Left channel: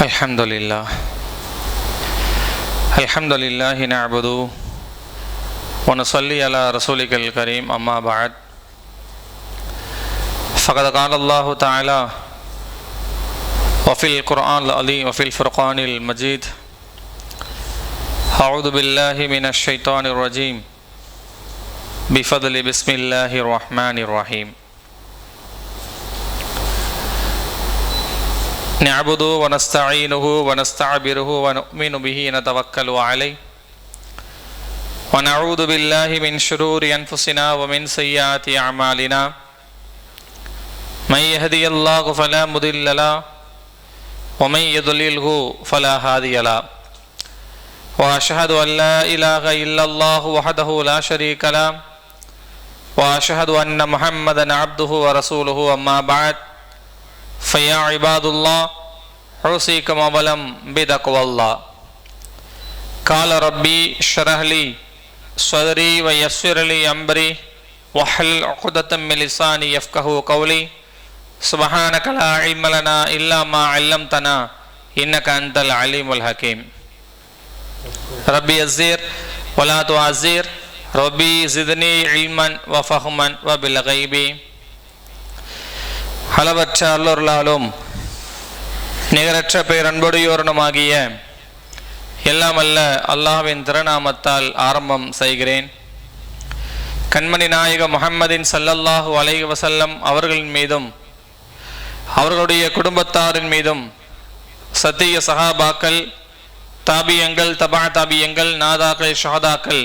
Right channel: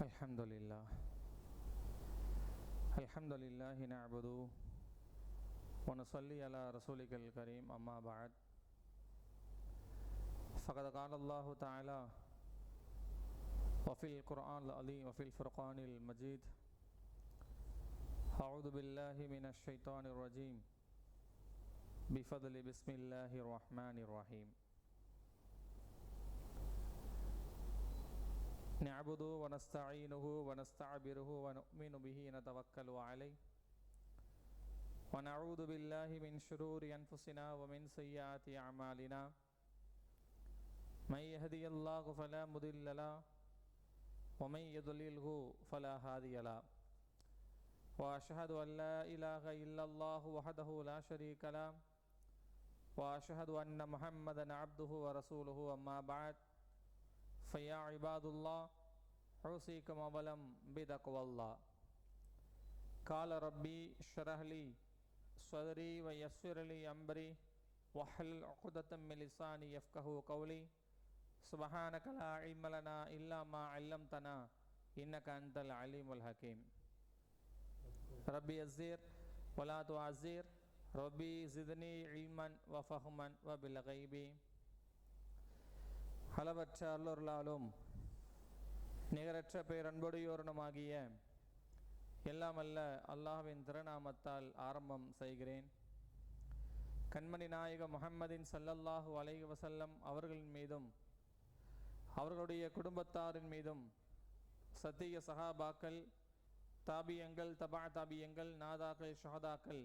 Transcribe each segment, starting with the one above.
الحمد لله نعبده ونصلي على رسولك الكريم أما بعد فقد قال الله تعالى وفي القرآن العظيم وفي الفرقان المجيد أعوذ بالله من الشيطان الرجيم بفضل بسم الله الرحمن الرحيم نعبده ونستعينه ونستعبره ونؤمن به ونتوكل عليه ونعوذ بالله من شرور أنفسنا ومن سيئات أعمالنا من يهدي الله فلا مضل له ومن يضلله فلا هادي له وأشهد أن لا إله إلا الله وحده لا شريك له وأشهد أن محمدا عبده ورسوله أما بعد فيا عباد الله أوصيكم أولا بتقوى الله قال ربي اشرح لي صدري ويسر لي أمري واحلل عقدة من لساني يفقهوا قولي سبحانك لا علم لنا إلا ما علمتنا إنك أنت العليم الحكيم ربي يسر ولا تعسر ربي زدني علما وفهما وبالغيب அளவற்ற அல்லொருளாலும் நிகரற்ற பேரன்புடையோருமாகிய எல்லாம் அல்ல அல்லாஹ்வின் திருநாமத்தால் ஆரம்பம் செய்கிறேன். கண்மணி நாயகம் முஹம்மதின் ஸல்லல்லாஹு அலைஹி வஸல்லம் அவர்களின் மீதும் அவர்களுடைய குடும்பத்தாரின் மீதும் சத்திய சஹாபாக்கள் தாபியங்கள் தபா தாபியங்கள் நாதாக்கள் ஷஹதாக்கள்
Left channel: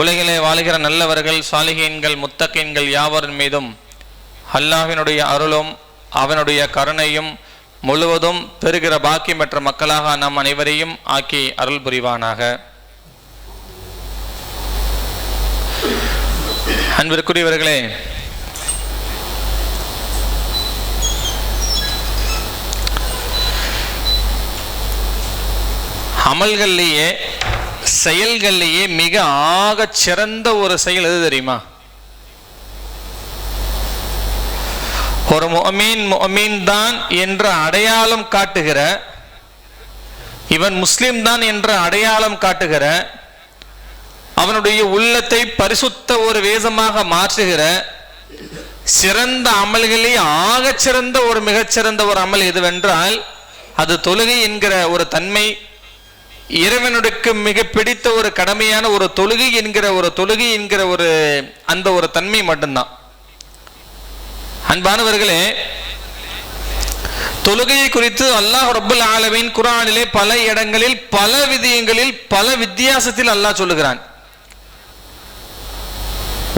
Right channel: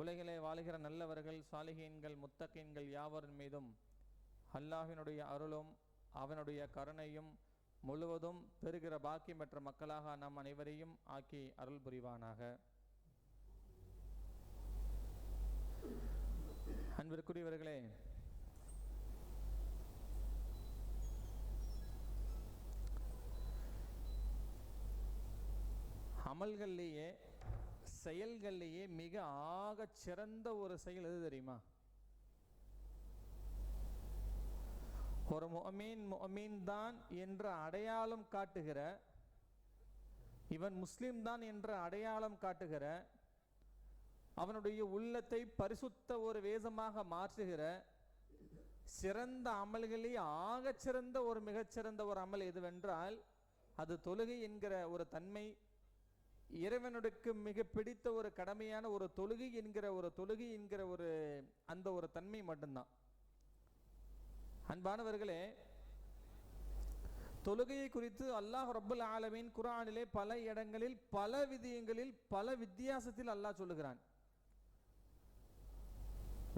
உலகிலே வாழுகிற நல்லவர்கள் சாலிஹீன்கள் முத்தகீன்கள் யாவரின் மீதும் அல்லாஹ்வினுடைய அருளும் அவனுடைய கருணையும் முழுவதும் பெறுகிற பாக்கியமற்ற மக்களாக நாம் அனைவரையும் ஆக்கி அருள் புரிவானாக. அன்பிற்குரியவர்களே, அமல்கள்லேயே செயல்கள்லேயே மிக ஆக சிறந்த ஒரு செயல் எது தெரியுமா? ஒரு முஅ்மின் தான் என்ற அடையாளம் காட்டுகிற, இவன் முஸ்லிம் தான் என்ற அடையாளம் காட்டுகிற, அவனுடைய உள்ளத்தை பரிசுத்த ஒரு வேஷமாக மாற்றுகிற சிறந்த அமல்களே ஆகச் சிறந்த ஒரு மிகச்சிறந்த ஒரு அமல் எதுவென்றால் அது தொழுகை என்கிற ஒரு தன்மை. இறைவனுக்கு மிக பிடித்த ஒரு கடமையான ஒரு தொழுகை என்கிற ஒரு அந்த ஒரு தன்மை மட்டும்தான். அன்பானவர்களே, தொழுகையை குறித்து அல்லாஹ் ரப்பல் ஆலமீன் குர்ஆனிலே பல இடங்களில் பல விதியங்களில் பல வித்தியாசத்தில் அல்லாஹ் சொல்லுகிறான்.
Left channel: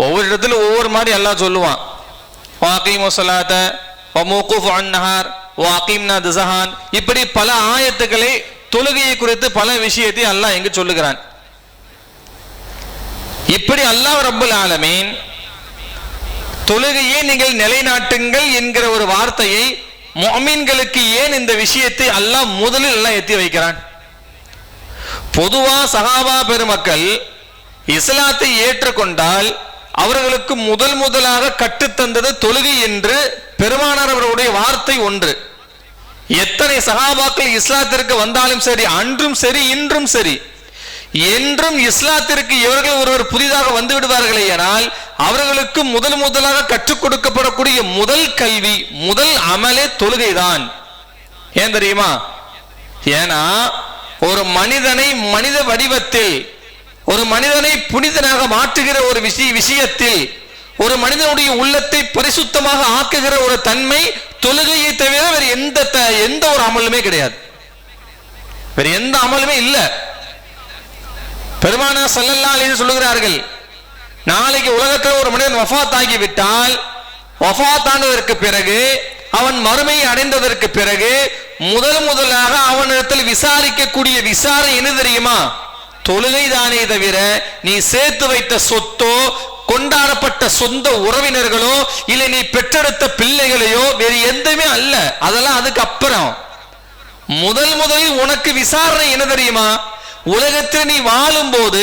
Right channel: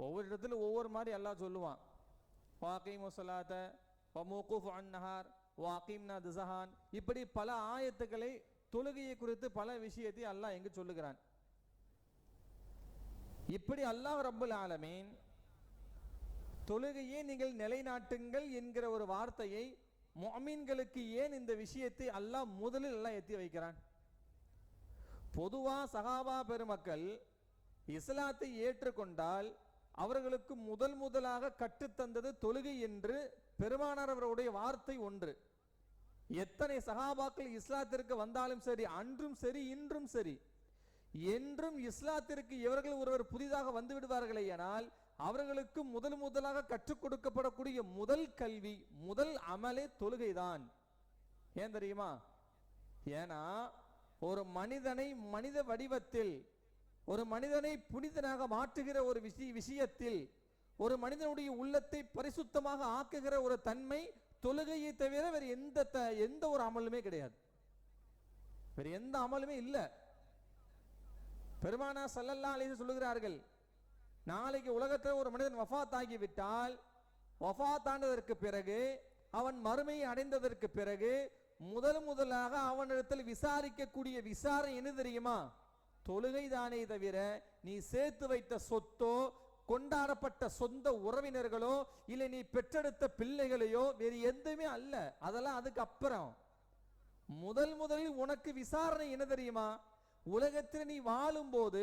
ஒவ்வொரு இடத்துல ஒவ்வொரு மாதிரி அல்லாஹ் சொல்லுவான். வாகீமு ஸலாத வமூகூஃபு அன்-நஹார் வாகீம்னா தஸஹான், இப்படி பல ஆயத்துக்களை தொழுகையை குறித்து பல விஷயத்தை அல்லாஹ் எங்கு சொல்லுகிறான். இப்படி அல்லாஹ் ரப்பல் ஆலமீன் தொழுகையை நீங்கள் நிலைநாட்டுங்கள் என்கிற ஒரு வார்த்தையை முஅ்மின்களுக்கு ஏன் இந்த விஷயத்தை அல்லாஹ் முதலில் எல்லாம் எத்தி வைக்கிறான்? பொதுவா சஹாபா பெருமக்கள் இஸ்லாத்தை ஏற்றுக்கொண்டால் அவர்களுக்கு முதலாக கற்றுத்தந்தது தொழுகை என்று பெருமானார் அவர்களுடைய வார்த்தை ஒன்று. எத்தனை சஹாபாக்கள் இஸ்லாத்திற்கு வந்தாலும் சரி, அன்றும் சரி இன்றும் சரி, என்றும் இஸ்லாத்திற்கு இவர்கள் ஒருவர் புதிதாக வந்து விடுவார்களே ஆனால் அவர்களுக்கு முதலாக கற்றுக் கொடுக்கப்படக்கூடிய முதல் கல்வி, முதல் அமலே தொழுகைதான். ஏன் தெரியுமா? ஏன்னா ஒரு மனிதனை மனித வடிவத்தில், ஒரு மனிதனை புனிதனாக மாற்றுகிற ஒரு விஷயத்தில், ஒரு மனிதனுடைய உள்ளத்தை பரிசுத்தமாக ஆக்குகிற ஒரு தன்மை தொழுகையை தவிர வேறு எந்த ஒரு அமலுமே கிடையாது. வேற எந்த அமலுமே இல்லை. பெருமானார் ஸல்லல்லாஹு அலைஹி சொல்லுகிறார்கள், நாளைக்கு உலகத்தில் ஒரு மனிதன் வஃபாத் ஆகிவிட்டால், வஃபாத் ஆனதற்கு பிறகு அவன் மறுமையை அடைந்ததற்கு பிறகு முதலாக அவனிடத்தில் விசாரிக்கக்கூடிய விசாரணை என்ன தெரியுமா? தொழுகை தானே தவிர நீ சேர்த்து வைத்த சொத்தோ, கொண்டாடப்பட்ட சொந்த உறவினர்களோ, இல்லை நீ பெற்றெடுத்த பிள்ளைகளையோ வேறு எதுவுமே அல்ல. அதெல்லாம் அதுக்கு அப்புறம். முதலில் உனக்கு விசாரணை என்ன தெரியுமா? உலகத்தில் நீ வாழும் போது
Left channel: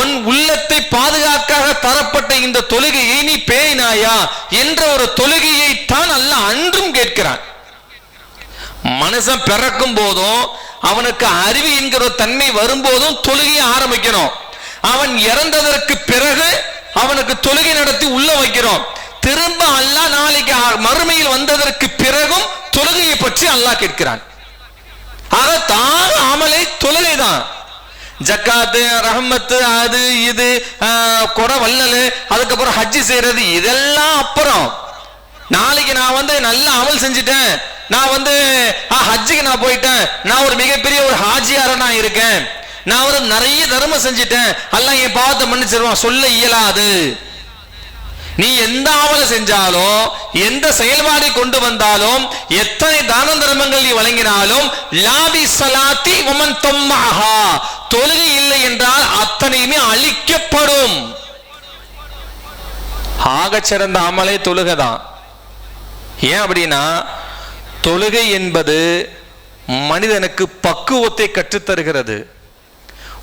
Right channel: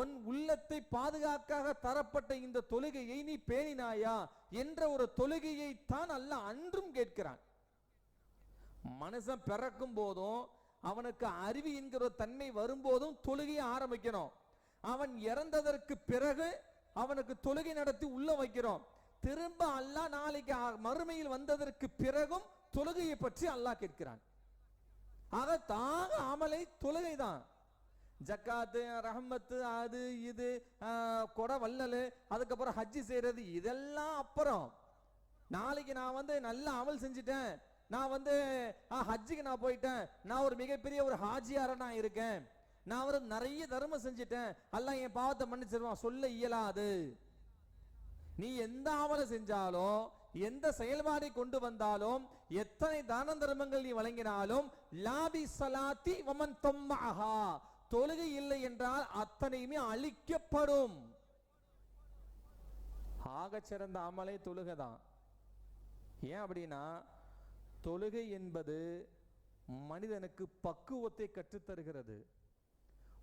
உன் உள்ளத்தை பாதுகாக்காக தரப்பட்ட இந்த தொழுகையை நீ பேணினாயா என்ற ஒரு தொழுகையை தான் அல்லாஹ் அன்றும் கேட்கிறான். மனுஷன் பிறக்கும் போதும் அவனுக்கு அறிவு என்கிற தன்மை வரும்போதும் தொழுகையை ஆரம்பிக்கணும். அவன் இறந்ததற்கு பிறகு அவனுக்கு தொழுகை நடத்தி உள்ள வைக்கிறோம். திரும்ப அல்லாஹ் நாளைக்கு மறுமையில் வந்ததற்கு பிறகும் தொழுகையை பற்றி அல்லாஹ் கேட்கிறான். ஆக தான் அமலை தொழுகை தான். ஜக்காத்து, ரஹ்மத்து, அது இது குறை வல்லல், அதுக்கப்புறம் ஹஜ்ஜி செய்யறது, இதெல்லாம் அப்புறம். நாளைக்கு நான் நல்ல அமல் செஞ்சுட்டேன், நான் ஹஜ்ஜுக்கு நான் போயிட்டேன், நான் ஒரு மிகப்பெரிய ஒரு ஹாஜியார நான் இருக்கேன், நான் நிறைய தர்மம் செஞ்சுட்டேன், அல்லாஹ் என் பாவத்தை மன்னிச்சிருவான் சொல்ல இயலாது. நீ எந்த அமலை செஞ்சாலும், எந்த செயல்பாடை கொண்டு வந்தாலும், எத்தனை தான தர்மங்கள் நீ வழங்கினாலும், லாபி சலாத்தி வமன் தம்மஹா, தொழுகை இல்லை என்றால் அத்தனையுமே அழிக்கப்படும். ஆகச் சிறந்த அமலை தொழுகைதான். ஏன் அப்படின்னா, தொழுகை என்பது மனிதனுக்கு பக்குவத்தை கற்றுத்தருகிறது.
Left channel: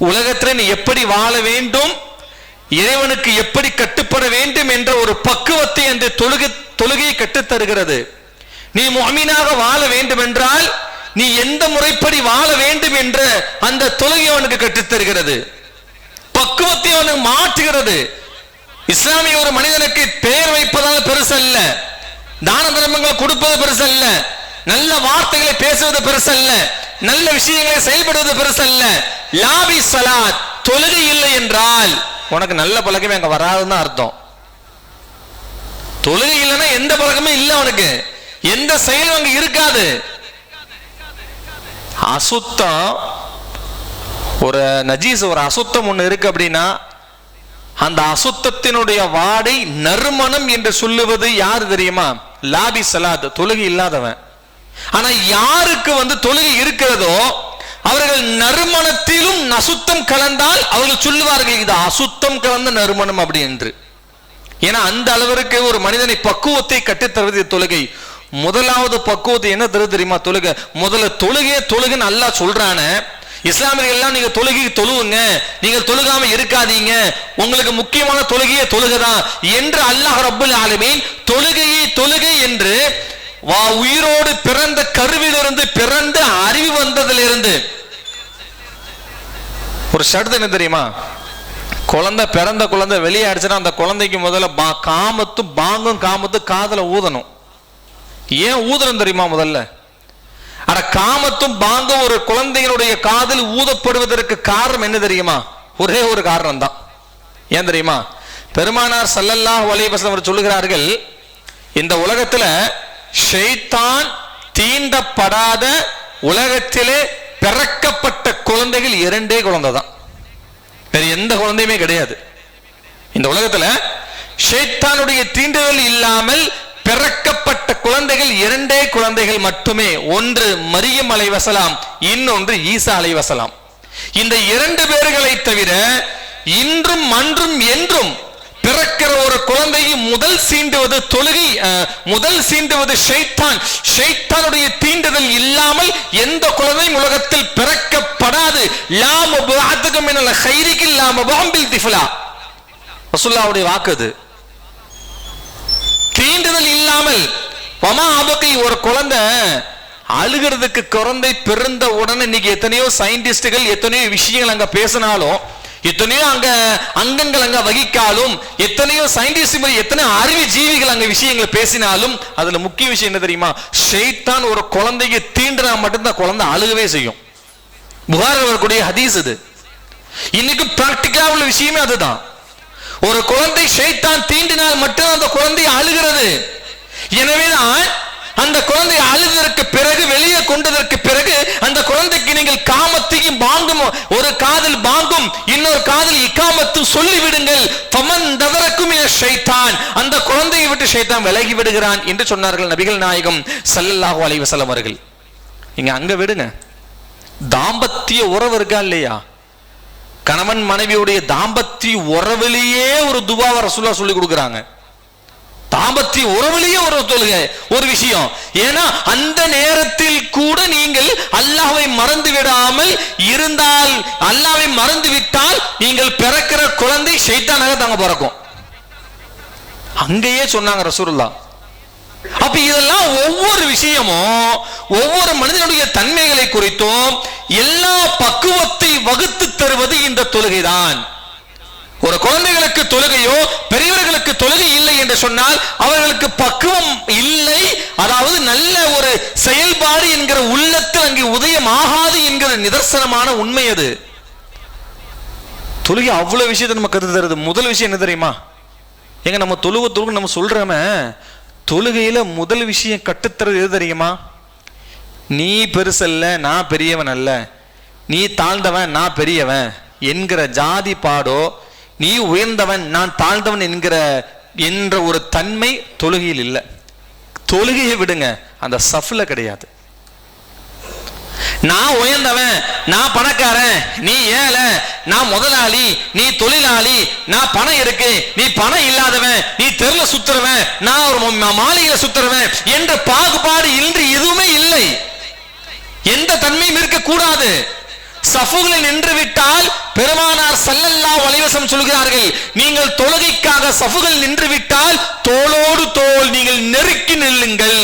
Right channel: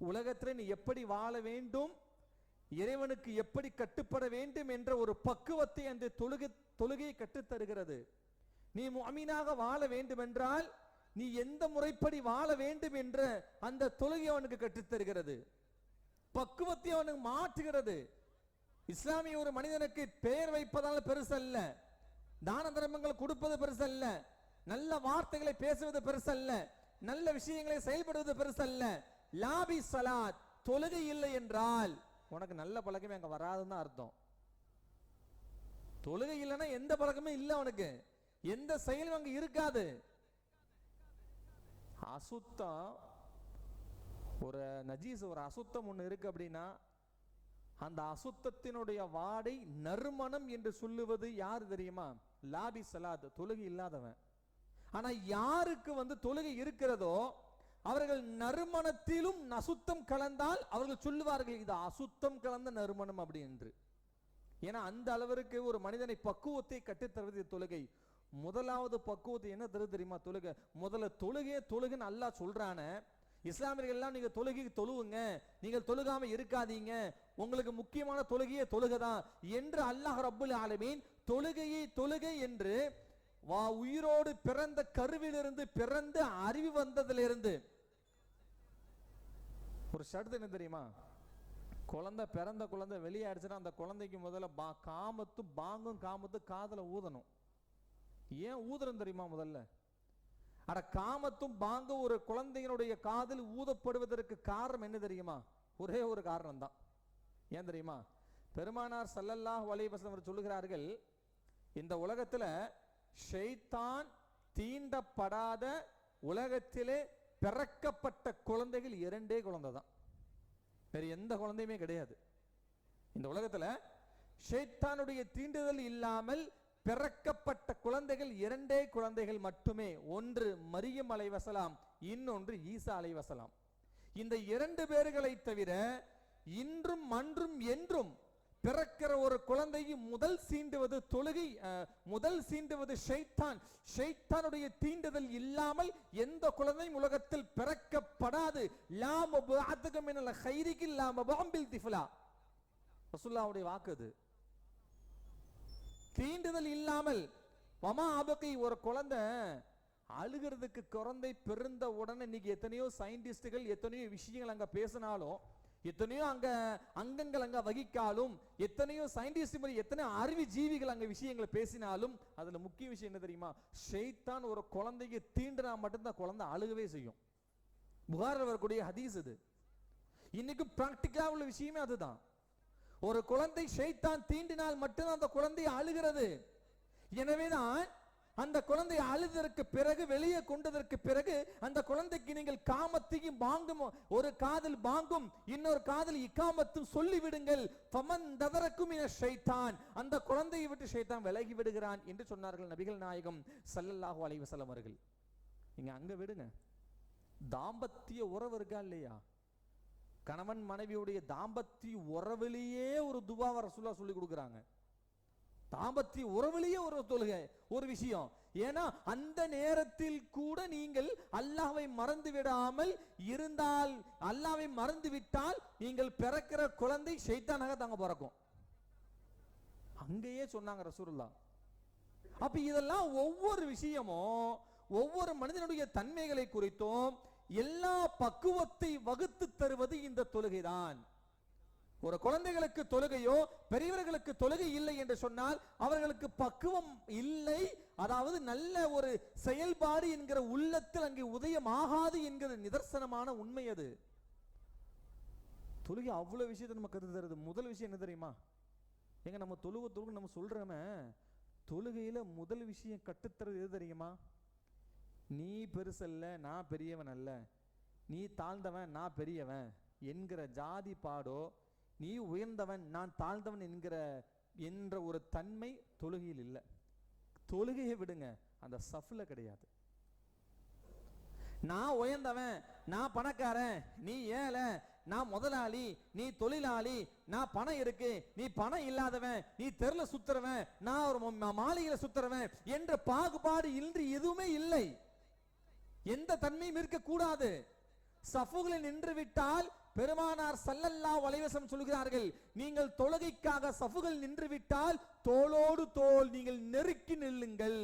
உலகத்தில் நீ எப்படி வாழ வேண்டும், இறைவனுக்கு எப்படி கட்டுப்பட வேண்டும் என்ற ஒரு பக்குவத்தை அந்த தொழுகையை கற்றுத்தருகிறது. நீ முஃமினாக வாழ வேண்டும் என்றால் நீ எந்த முறைப்படி வாழ வேண்டும் என்ற அந்த தொழுகை அவனுக்கு கற்றுத்தருகிறது, பக்குவத்தை அவனுக்கு மாற்றுகிறது. இஸ்லாமிய ஒரு மனிதனுக்கு பெயர் வைப்பதால் பெருசல்ல, தான தர்மங்களை கொடுப்பது பெருசல்ல, நல்ல வார்த்தைகளை பேசுவது பெருசல்ல, நல்ல விஷயங்களை செயல்படுவது பெருசல்ல. லாபி சலாத், தொழுகை இல்லை என்றால் உனக்கு நல்ல பழக்கமே அங்க வராதுன்னு அர்த்தம். தொழுகை இல்லைன்னா எந்த பழக்கமே இல்லை, அவனுக்கு எந்த செயலும் அங்க இருக்காது. அசுத்தம், ஒரு நஜீஸ், ஒரு அசுத்தம் ஒண்ணு இருக்கு அப்படின்னா அந்த அசுத்தத்தினுடைய வாடை நறுமணம் என்று சொல்லுவது யாரு தெரியுமா? லாபி சலாத், தொழுகை இல்லாதவன். ஆனா யாருக்கு தொழுகை இருக்கிறதோ அவர்கள் நறுமணத்திலும் அசுத்தம் கலந்தால் அவர்கள் சொல்லுவார்கள் இது அசுத்தம் கலந்த நறுமணம் அப்படி என்று. ஏன்னா அந்த அளவிற்கு ஒரு மனிதனை பக்குவத்தை கட்டித்தருவது தொழுகை. முதலாவது பக்குவத்தை என்ன தருது தெரியுமா? தொழுகை. முதல்ல தொழுகைன்னு அல்லாஹ் சொல்றான, இஸ்லாமியர்கள் எல்லாம் நீங்க தொழுகை தொழுவுங்க, நீங்கள் தொழுகாம இருக்காதீங்க, உங்களுக்கு முக்கியமான தொழுகையே தொழுகைதான் என்று அல்லாஹ் ரப்பல் ஆலமீன் தொழுகை என்று உயிரோடு பிறந்த கருவிலிருந்து பிறந்த அறிவு வந்ததிலிருந்து ஒரு ஷர்ட் என்ன தெரியுமா? பிறந்த குழந்தை வெளியே அடிச்சுன்னா அந்த குழந்தைக்கு முதல்ல பாங்கும் காமத்தும் காதல ஊதணும். ஏன் ஊதணும் தெரியுமா? முதல்ல காமத்தும் பாங்கும் ஒரு குழந்தைகளுடைய காதில் ஊதப்படுவதற்கு காரணம் என்ன தெரியுமா? ஒரே ஒரு காரணம் தான். ஏன் தெரியுமா? பெருமானார் ஸல்லல்லாஹு அலைஹி வஸல்லம் சொல்லுகிறார்கள், இந்த உலகத்துல ஷைத்தான் தீண்டப்படாத உலகத்திலே பிறக்கப்பட்ட குழந்தைகள் 2 குழந்தை தான், வேற எந்த குழந்தையுமே கிடையாது. இந்த உலகத்துல ஷைத்தானுடைய தீண்டுதல் இல்லாமல் பிறக்கப்பட்ட குழந்தைகள் 2 குழந்தைகள் மட்டுமே. ஒன்று மரியம் அலைஹிஸ்ஸலாம், இன்னொன்று ஈசா அலைஹிஸ்ஸலாம். இந்த 2 பேர்களை தவிர இன்றும் அன்றும் என்றும் பிறக்கிற ஒரு குழந்தையை முதல் சீண்டுவது தொழுகை, முதல் சீண்டுவது ஷைத்தான். ஷைத்தானுடைய தீண்டுதல் இல்லாமல் எந்த குழந்தையும் உலகத்தில் பிறக்கப்படாது. லா முபஅதுக மினல் கைரிகி லா முபஅம்பில் திஃலா, ரசூலுல்லாஹ்வுடைய வாக்கு. தீண்டுதல் இல்லாமல் வமா அபகி, ஒரு குழந்தை அழுகிறதுக்கு குழந்தை பிறந்த உடனே இன்னைக்கு எத்தனையோ சயின்டிஸ்டுகள் எத்தனையோ விஷயங்கள் அங்க பேசினாலும், எத்தனையோ அங்க அங்கங்கள் அங்க வகிக்காலும், எத்தனையோ சயின்டிஸ்ட் எத்தனை அறிவு ஜீவிகள் அங்க விஷயங்கள் பேசினாலும் அதுல முக்கிய விஷயம் என்ன தெரியுமா? ஷைத்தான் ஒரு குழந்தைக்கு தீண்டினா மட்டும்தான் குழந்தை அழுகவே செய்யும். புகாரில் வரக்கூடிய ஹதீஸ் இது. இன்னைக்கு பிராக்டிக்கலா உள்ள விஷயமே அதுதான். ஒரு குழந்தை ஷைத்தான் தீண்டினால் மட்டும் அந்த குழந்தை அழுகிறது. எனவேதான் அந்த குழந்தை அழுதற்கு பிறகு, வெளியே கொண்டதற்கு பிறகு அந்த குழந்தைக்கு நீங்கள் காமத்தையும் பாங்கும், ஒரு காதில் பாங்கும் இன்னொரு காதில் இக்காமத்தும் சொல்லி விடுங்கள். ஃபமன் ததரக்கும் ஷைத்தான், அந்த குழந்தையை விட்டு ஷைத்தான் விலகி விடுகிறான் என்று சொன்னார்கள் நபிகள் நாயகம் ஸல்லல்லாஹு அலைஹி வஸல்லம் அவர்கள். நீங்க அங்க விடுங்க, தாம்பத்திய உறவு இருக்கா இல்லையா? கணவன் மனைவியுடைய தாம்பத்திய உறவிலேயே ஒரு துவாவை ரசூலுல்லாஹ் சொல்லி கொடுக்குறாங்க. தாம்பத்திய உறவிலேயே ஒரு தொழுகை ஒரு விஷயம். ஏன்னா அந்த நேரத்தில் கூட நீங்கள் அல்லாஹ்வை மறந்து விடாமல் இருந்தால், அல்லாஹ்வை மறந்து விட்டால் நீங்கள் பிறக்கிற குழந்தை ஷைத்தானாக தாங்க பிறக்கும். அங்கேயே சொன்னாங்க ரசூலுல்லாஹ். அப்ப இதெல்லாம் ஒவ்வொரு விஷயமும் ஒவ்வொரு மனிதனுடைய தன்மைகளை குறித்தும் எல்லா பக்குவத்தை வகுத்து தருவது இந்த தொழுகைதான். ஒரு குழந்தைகளுக்கு தொழுகையோ பெரியவர்களுக்கு தொழுகை இல்லை என்று சொன்னால் அவர்களுக்கு பக்குவம் இல்லை, அதாவது நல்ல ஒரு செயல்பாடு என்கிற உள்ளத்தில் அங்கே உதயம் ஆகாது என்கிற நிதர்சனமான உண்மை அது. தொழுகை அவ்வளவு விஷயத்தை நம்ம கருத்து தருது. முதல் விஷயம் என்ன தெரியுமா? எங்க நம்ம தொழுகை நம்ம சொல்றோமே, தொழுகையில முதல் விஷயம் கட்டுத்தரது எது தெரியுமா? நீ பெருசல்ல நான் பெரியவன் அல்ல, நீ தாழ்ந்தவன் நான் பெரியவன் என்கிற ஜாதி பாடோ, நீ உயர்ந்தவன் நான் தாழ்ந்தவன் என்ற ஒரு தன்மை தொழுகையில் இல்லை. தொழுகையை விடுங்க, அந்த சஃப்ல கிடையாது. நான் உயர்ந்தவன் நான் பணக்காரன் நீ ஏழை, நான் முதலாளி நீ தொழிலாளி, நான் பணம் இருக்கு நீ பணம் இல்லாதவன், நீ தெருல சுத்துறவன் நான் ஒரு மாளிகையில சுத்துறவன் என்ற பாகுபாடு இன்று எதுவுமே இல்லை. எந்த தன்மையும் இருக்கக்கூடாது. சஃபுகளில் நின்று விட்டால் பெருமானார் ஸல்லல்லாஹு அலைஹி வஸல்லம் சொல்கிறார்கள், நீங்கள் தொழுகைக்காக சஃபுகள் நின்று விட்டால் தோளோடு தோள் நீங்கள் நெருக்கி நில்லுங்கள்.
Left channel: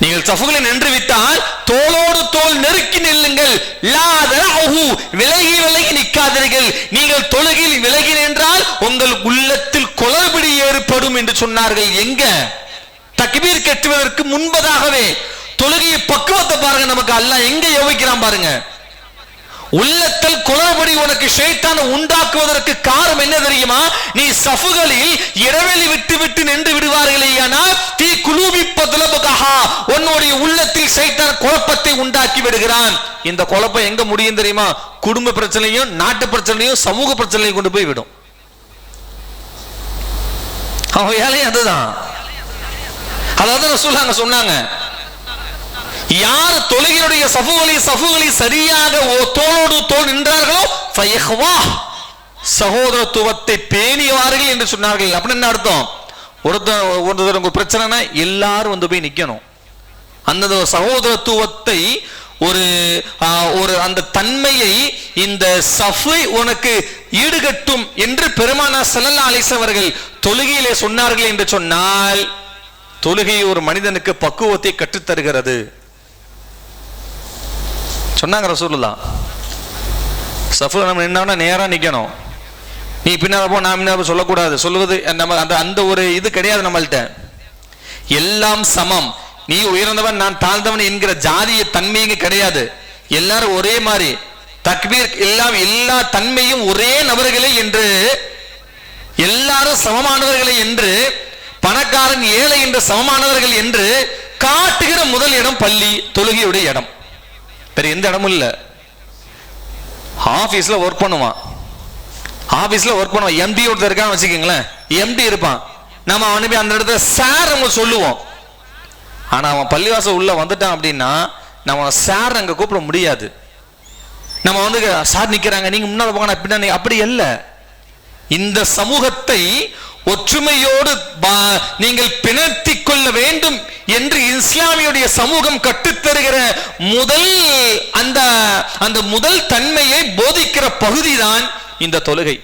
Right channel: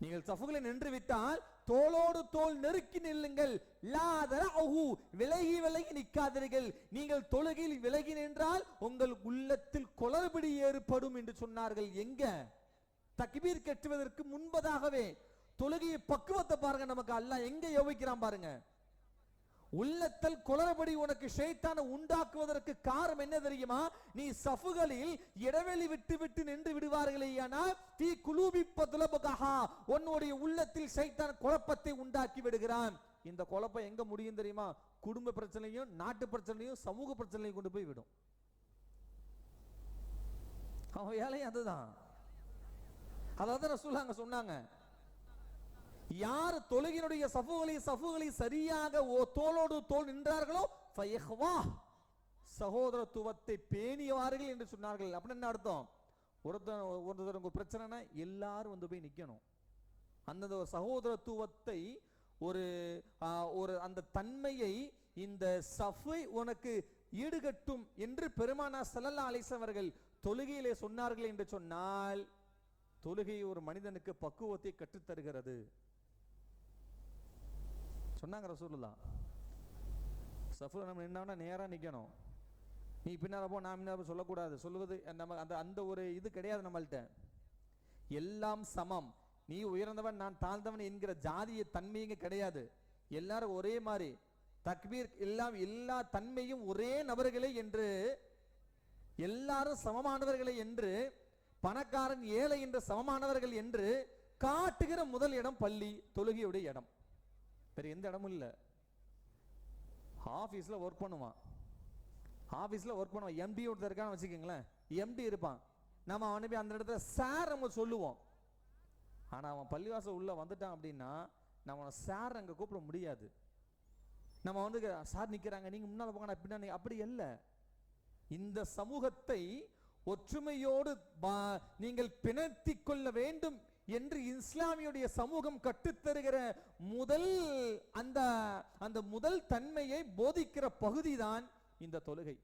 நீங்கள் சஃபுகளில் நின்று விட்டால் தோளோடு தோள் நெருக்கி நில்லுங்கள். லா தரஹு விலகி விலகி நிற்காதீர்கள். நீங்கள் தொழுகையில் விலகி நின்றால் உங்கள் உள்ளத்தில் குளறுபடி ஏற்படும் என்று சொன்னார்கள். எங்க? தக்பீர் கட்டுவதற்கு முன்பதாகவே. தொழுகையை பக்குவத்தை பாருங்க, நமக்கு அல்லாஹ் எங்க யோசிக்கிறான் பாருங்க. உள்ளத்தில் குளறுபடி உனக்கு ஷைத்தான் உண்டாக்குவதற்கு காரணம் என்ன தெரியுமா? நீ சஃபுகளில் இடைவெளி விட்டு விட்டு நின்று விடுவார்களே, தீ குலூபி பத்லபகஹா, உன்னுடைய உள்ளத்தில் ஷைத்தான் குழப்பத்தை உண்டாக்கி விடுகிறான். இந்த குழப்பம் எங்க முடியும் தெரியுமா? குடும்ப பிரச்சனையும் நாட்டு பிரச்சனையும் சமூக பிரச்சனையும் கொண்டு போய் விடும். அவன் வேலையும் அதுதான். அதாவது ரசூலுல்லாஹ் சொன்னாங்க, யார் தொழுகையுடைய சஃபுகளை சரியாக தோளோடு தோள் நின்றார்களோ சகோதரத்துவத்தை பேணிவார்கள் என்று சொன்னார்கள். அப்படின்னு என்ன அர்த்தம்? ஒருத்தர் பிரச்சனைனா எல்லாரும் வந்து போய் நிக்கணும். அந்த சகோதரத்துவத்தை ஒரு அந்த தன்மையை இந்த சஃபை உனக்கு ஈடுகட்டும் என்று பெருமானார் ஸல்லல்லாஹு அலைஹி வஸல்லம் அவர்கள் தொழுகையிலே சொன்னார்கள் என்று சொன்னால், தொழுகை ஒரு மனிதனுக்கு பக்குவத்தை கற்றுத்தருகிறது சொன்னாங்க ரசூலுல்லாஹ். சஃப்ல நம்ம நின்னா நேரா நிக்கணும். நீ பின்னால போ நான் பின்னால சொல்லக்கூடாது. சொல்லுவது நம்ம அந்த ஒரு இது கிடையாது நம்மள்ட்ட. எல்லாம் சமம், நீ உயர்ந்தவன் நான் தாழ்ந்தவன் என்கிற ஜாதிய தன்மையும் கிடையாது. எல்லாரும் ஒரே மாதிரி தக்பீர் எல்லா தன்மையும் ஒரே நபர்களே என்று, எல்லாரும் சமமானவர்களே என்று, பணக்காரன் ஏழை என்று சமமானவர்கள் என்று காட்டுகிற முதல் இடம் பள்ளி, தொழுகையுடைய இடம். வேற எந்த இடமும் இல்ல. ஆபீஸ்ல ஒர்க் பண்ணுவான், எம்டி ஒருத்தர் இருக்கான்னு வச்சுக்கீங்களேன், எம்டி இருப்பான், நம்ம அவனை போய் அந்த இடத்துல சார் நம்ம சொல்லுவோம். ஆனா அவன் பள்ளிவாசல் உள்ள வந்துட்டான் அப்படின்னா நம்ம சார் அங்க கூப்பிட முடியாது. நம்ம வந்து சார் நிக்கிறாங்க நீங்க முன்னால போங்க நான் பின்னாடி, அப்படி அல்ல. இந்த சமூகத்தை ஒற்றுமையோடு நீங்கள் பிணைத்துக் கொள்ள வேண்டும் என்று இஸ்லாமியுடைய சமூகம் கற்றுத்தருகிற முதல் அந்த முதல் தன்மையை போதிக்கிற பகுதிதான் இந்த தொழுகை.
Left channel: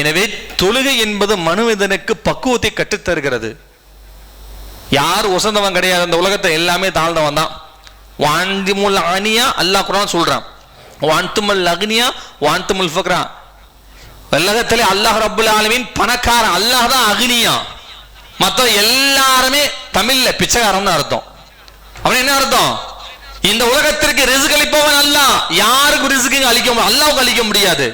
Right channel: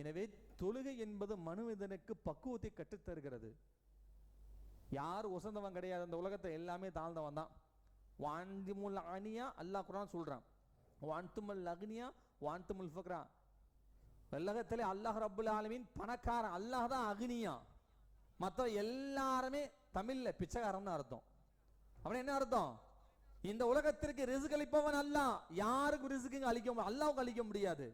எனவே தொழுகை என்பது மனிதனுக்கு பக்குவத்தை கற்றுத்தருகிறது. யார் உசந்தவன் கிடையாது. அந்த உலகத்தை எல்லாமே தாழ்ந்தவன் தான். வாந்திமுல் அனியா அல்லாஹ் குர்ஆன் சொல்றான், வாந்துமல் அக்னியா வாந்துமுல் ஃபக்ரா. உலகத்திலே அல்லாஹ் ரப்புல் ஆலமீன் பணக்காரன், அல்லாஹ் தான் அக்னியா. மற்ற எல்லாருமே தமிழ்ல பிச்சைக்காரன் அர்த்தம். அவன் என்ன அர்த்தம்? இந்த உலகத்திற்கு ரிஸ்க் அளிப்பவன் அல்லாஹ். யாருக்கு ரிஸ்க் அளிக்க முடியும்? அல்லாஹ்வுக்கு அளிக்க முடியாது.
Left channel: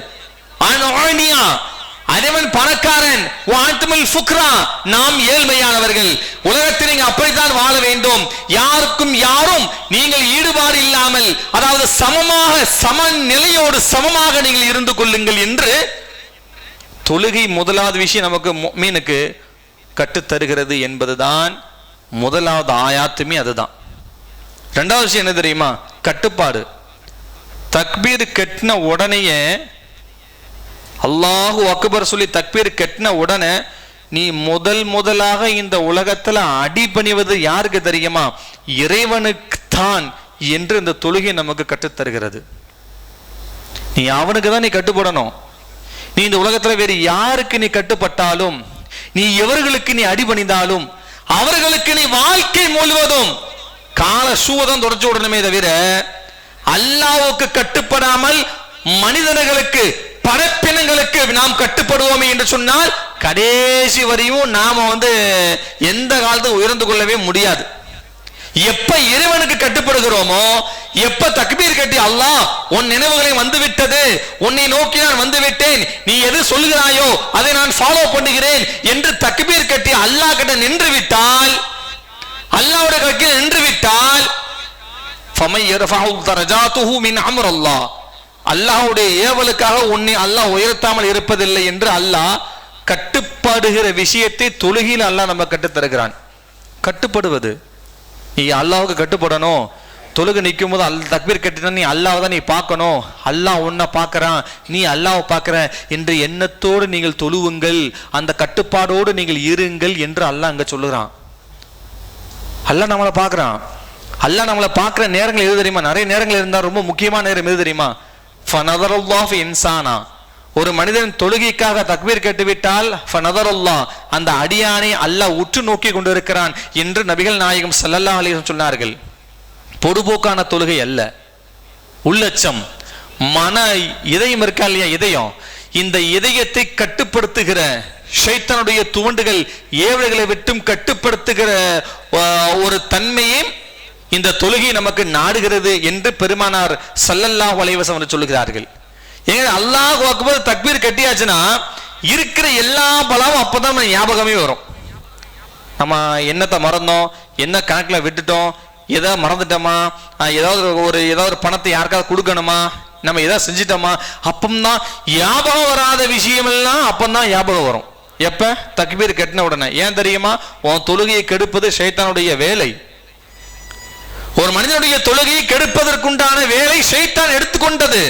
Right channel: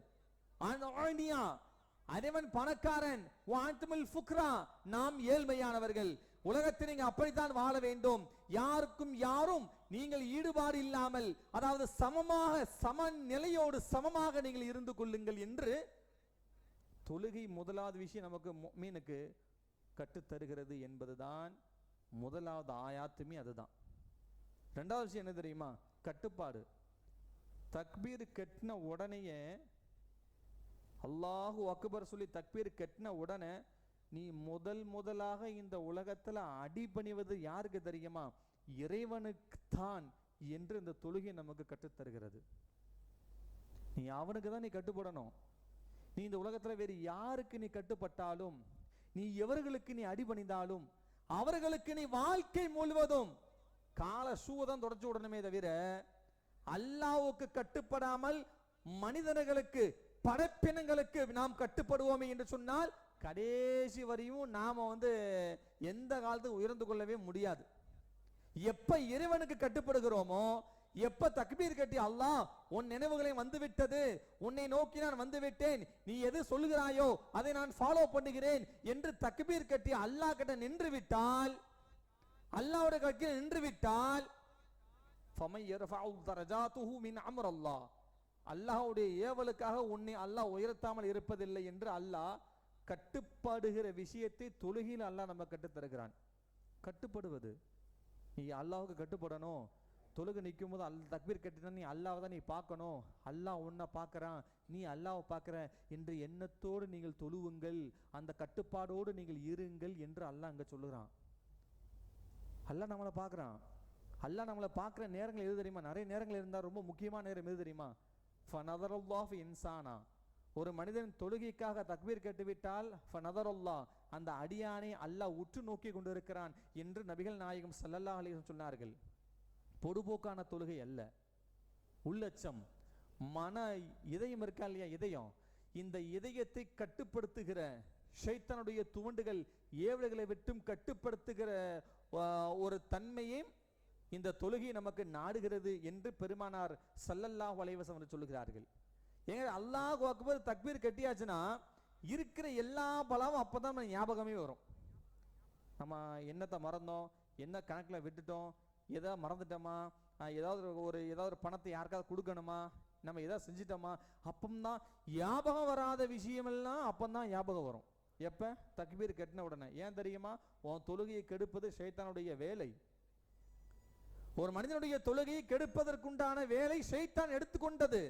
அதேவன் பணக்காரன், வாந்துமுல் ஃபுக்ரா, நாம் ஏழ்மையானவர்கள். உலகத்தில் நீங்க அப்படித்தான் வாழ வேண்டும். யாருக்கும் யாரும் நீங்கள் ஈடுபாடு இல்லாமல், அதாவது சமமாக சமநிலையோடு சமமாக நீங்கள் இருந்து கொள்ளுங்கள் என்று தொழுகை முதலாவது விஷயம் நமக்கு முஃமினுக்கு கற்றுத்தருகிறது என்பதுதான் முதலாவது ஆயாத்துமே. அதுதான். ரெண்டாவது விஷயம் என்ன தெரியுமா? கட்டுப்பாடு. தக்பீர் கட்டின உடனேயே, அல்லாஹு அக்பர் சொல்லி தக்பீர் கட்டின உடனே நீ முதலாக இந்த உலகத்துல அடிபணிவது யாருக்கு தெரியுமா? இறைவனுக்கு தான் என்று இந்த தொழுகை நமக்கு கற்றுத்தருகிறது. நீ அவனுக்கு தான் நீ கட்டுப்படணும். நீ இந்த உலகத்துல வேறு யாருக்கு நீ கட்டுப்பட்டாலும், நீ எவர்களுக்கு நீ அடிபணிந்தாலும் அவர்களுக்கு நீ வாழ்க்கை முழுவதும் கால ஷூதான் தொடச்சு விடணுமே தவிர அல்லாஹ்வுக்கு கட்டுப்படாமல் மனிதர்களுக்கு படைப்பினங்களுக்கு நாம் கட்டுப்படுவோமே என்று சொன்னால் கடைசி வரையும் நாம எந்த காலத்தும் உயர்ந்து கொள்ளவே முடியாது. எப்ப இறைவனுக்கு கட்டுப்படுகிறோமோ, எப்ப தக்பீர் கட்டி அல்லாஹ் உன் நினைவுகளை வந்துவிட்டது, உன்னை நோக்கி நான் வந்து விட்டேன், நீ எது சொல்கிறாயோ அதை நான் ஃபாலோ பண்ணுகிறேன் என்று தக்பீர் கட்டி அல்லாஹ் கிட்ட நின்று விட்டால், அல்லாஹ்வுடைய கையில் நின்று விட்டால், ஃபமை யர்ஃபஉ தரஜாத்துஹு மின் அம்ர் அல்லாஹ், அல்லாஹ்வுடைய ஏவலுக்காக உன்னை அல்லாஹ் உயர்த்தாமல் இருப்பதில்லை என்று அல்லாஹ் கட்டுப்படுகிற விஷயத்தை தொழுகையில் அல்லாஹ் நம்ம கற்றுத் தருகிறான். கட்டுப்படுவது, நீ அல்லாஹ்வுக்கு கட்டுப்படணும். தொழுகை நிற்கும் போது தக்பீர் கட்டினா நீ அல்லாஹ் தான் நீ பார்க்கணும், அல்லாஹ் உன்னை பார்க்கறான், நீ அல்லாஹ் பார்க்கற என்று எண்ணத்தோடு நீங்கள் தொழுவுங்கள், அந்த கட்டுப்பாடோடு நீங்கள் இருங்கள் என்று அல்லாஹ் அங்க சொல்லுகிறான். அல்லாஹ் நம்மளை பார்க்கறான். அல்லாஹ் நம்மளை பார்க்கிற நேரங்கள் எது தெரியுமா? நிறைய நேரங்கள் இருந்தால் ரொம்ப முக்கியமான நேரம் எது தெரியுமா? ஃபனதரல்லாஹு ஃபி இன்சானா, ஒரு மனிதன் தொழுகைக்காக தக்பீர் கேட்டுவிட்டால் ஃபனதரல்லாஹ், அந்த அடியானை அல்லாஹ் உற்று நோக்கி கொண்டிருக்கிறான் என்று நபிகள் நாயகம் ஸல்லல்லாஹு அலைஹி வஸல்லம் சொன்னார்கள். பொதுபோக்கான தொழுகை அல்ல, உள்ளச்சம், மன இதயம் இருக்கா இல்லையா, இதயம், இந்த இதயத்தை கட்டுப்படுத்துகிற ஷைத்தானுடைய துவண்டுகள் ஏவல்களை விட்டும் கட்டுப்படுத்துகிற ஒரு தன்மையை இந்த தொழுகை நமக்கு நாடுகிறது என்று பெருமானார் ஸல்லல்லாஹு அலைஹி வஸல்லம் சொல்லுகிறார்கள். ஏங்க அல்லாஹ் அக்பர் தக்பீர் கட்டியாச்சுன்னா இருக்கிற எல்லா பலமும் அப்பதான் ஞாபகமே வரும். நம்ம என்னத்தை மறந்தோம், என்ன கணக்கில் விட்டுட்டோம், ஏதாவது மறந்துட்டோமா, ஏதாவது ஒரு பணத்தை யாருக்காவது கொடுக்கணுமா, நம்ம ஏதாவது செஞ்சிட்டோமா, அப்பந்தான் ஞாபகம் வராத விஷயமெல்லாம் அப்பந்தான் ஞாபகம் வரும். எப்ப? தக்பீர் கட்டின உடனே. ஏன் தெரியுமா? உன் தொழுகையை கெடுப்பது ஷைத்தானுடைய வேலை. ஒரு மனிதனுடைய தொழுகையை கெடுப்பதற்குண்டான வேலை ஷைத்தான் எடுத்துக்கொண்டது.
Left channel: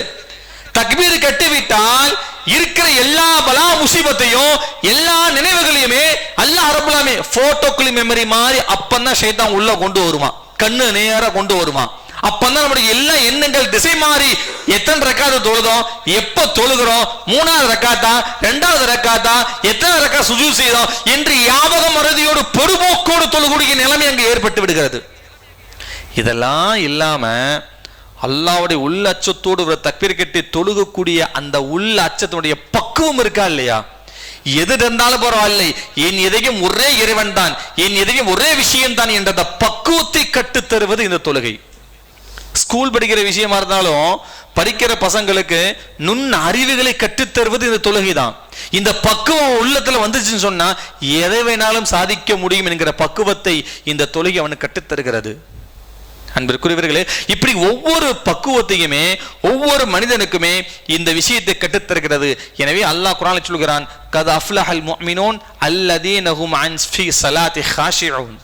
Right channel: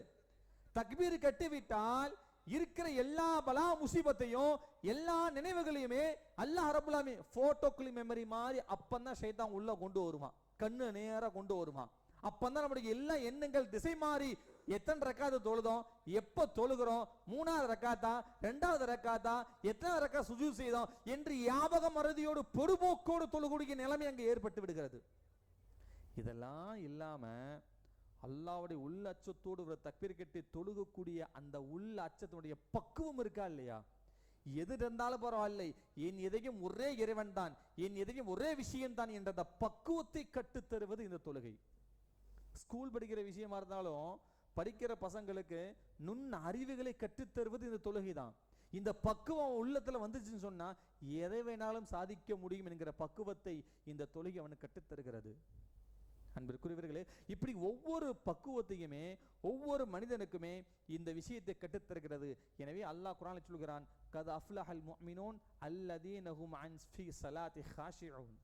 தக்பீர் கட்டிவிட்டால் இருக்கிற எல்லா பலா முசீபத்தையும் எல்லா நினைவுகளையுமே அல்லாஹ் ரப்பல் ஆலமீன் போட்டோக்களி மெமரி மாதிரி அப்பந்தான் ஷைத்தான் உள்ள கொண்டு வருமா, கண்ணு நேரா கொண்டு வருமா. அப்பந்தான் நம்முடைய எல்லா எண்ணங்கள் திசை மாறி எத்தனை ரக்காத்து தொழுதோம், எப்ப தொழுகிறோம், மூணாவது ரக்காத்தா, இரண்டாவது ரக்காத்தா, எத்தனை ரக்கா சுஜூத் செய்தோம் என்று ஞாபக மறதியோடு பொறுப்போக்கோடு தொழுகக்கூடிய நிலைமை அங்கு ஏற்பட்டு விடுகிறது. இதெல்லாம் இல்லாம அல்லாஹ்வுடைய உள்ள அச்சத்தோடு ஒரு தக்பீர் கட்டி தொழுகக்கூடிய அந்த உள்ள அச்சத்தினுடைய பக்குவம் இருக்கா இல்லையா? எது இருந்தாலும் பரவாயில்லை, என் இதயம் ஒரே இறைவன் தான், என் இதயம் ஒரே விஷயம் தான் என்ற பக்குவத்தை கற்றுத் தருவது இந்த தொழுகை. ஸ்கூல் படிக்கிற விஷயமா இருந்தாலும் படிக்கிற பசங்களுக்கு நுண் அறிவுகளை கற்றுத்தருவது இந்த தொழுகை தான். இந்த பக்குவம் உள்ளத்துல வந்துச்சுன்னு சொன்னா எதை வேணாலும் சாதிக்க முடியும் என்கிற பக்குவத்தை இந்த தொழுகை அவனுக்கு கற்றுத்தருகிறது. அன்பிற்குரியவர்களே, இப்படி ஒவ்வொரு பக்குவத்தையுமே ஒவ்வொரு மனிதனுக்குமே இந்த விஷயத்தை கற்றுத்தருகிறது. எனவே அல்லாஹ் குர்ஆனில் சொல்கிறான், கத் அஃப்லஹல் முஃமினூன் அல்லதீன ஹும் அன் ஃபீ ஸலாத்தி காஷிஊன்.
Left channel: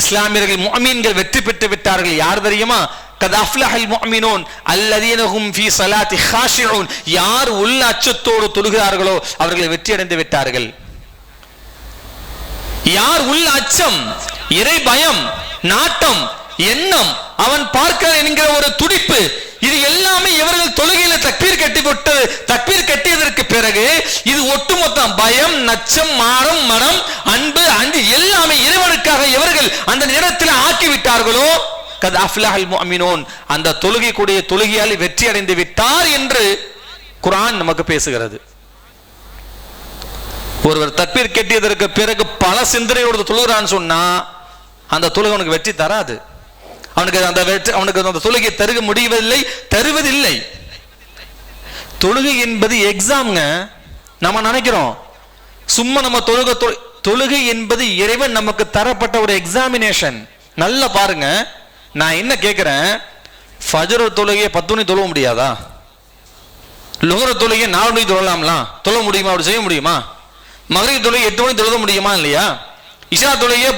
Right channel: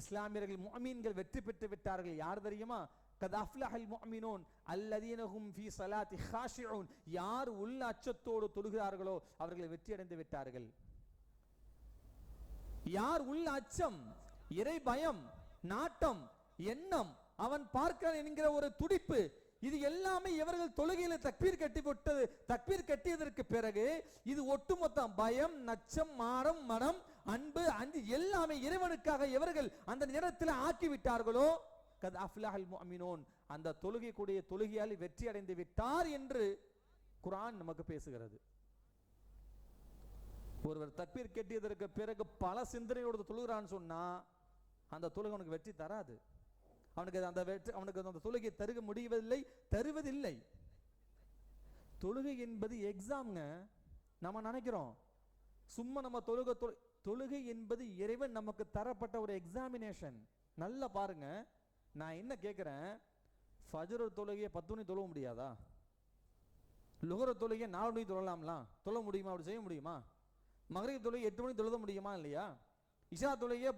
இஸ்லாமியர்கள் முஃமின்கள் வெற்றி பெற்று விட்டார்கள். யார் தெரியுமா? கத் அஃப்லஹல் முஃமினூன் அல்லதீன ஹும் ஃபீ ஸலாத்தி காஷிஊன். யார் உள்ள அச்சத்தோடு தொழுகிறார்களோ அவர்கள் வெற்றி அடைந்து விட்டார்கள். யார் உள்ள அச்சம், இறை பயம், நாட்டம், எண்ணம், அவன் பார்க்க என்கிற ஒரு துடிப்பு, இது எல்லாமே இவர்கள் தொழுகையில தக்பீர் கட்டி விட்டு தக்பீர் கட்டியதற்கு பிறகு இது ஒட்டுமொத்த பயம், நச்சம், மானம், மனம், அன்பு, அன்பு எல்லாமே இறைவனுக்காக இவர்கள் அந்த நேரத்தில் ஆக்கிவிட்டார்களோ கத் அஃப்லஹல் முஃமினூன், அந்த தொழுகை கூடிய தொழுகையால் வெற்றி அடைந்து விட்டார் என்று குர்ஆன் நமக்கு பேசுகிறது. ஒருவர் தக்பீர் கட்டியதற்கு பிறகு பல சிந்தனையோடு தொழுகிறான்னு சொன்னா அந்த தொழுகை அவனுக்கு வெற்றி தராது. அவனுக்கு அந்த தொழுகை தருக முடிவதில்லை, தருவதில்லை. தொழுகை என்பது எக்ஸாம்ங்க. நம்ம நினைக்கிறோம் சும்மா நம்ம தொழுகை என்பது இறைவன் நமக்கு தரப்பட்ட ஒரு எக்ஸாமினேஷன். நல்லா பாருங்க, நான் என்ன கேட்கிறேன், ஃபஜ்ர் தொழுகையை 10 மணி தொழ முடியாதா? லுஹர் தொழுகையை 4 மணி தொழலாம்லாம், தொழ முடியுமா? அப்படி செய்ய முடியுமா? மக்ரிப் தொழுகை 8 மணி தொழுத முடியுமா? இல்லையா? இஷா தொழுகையை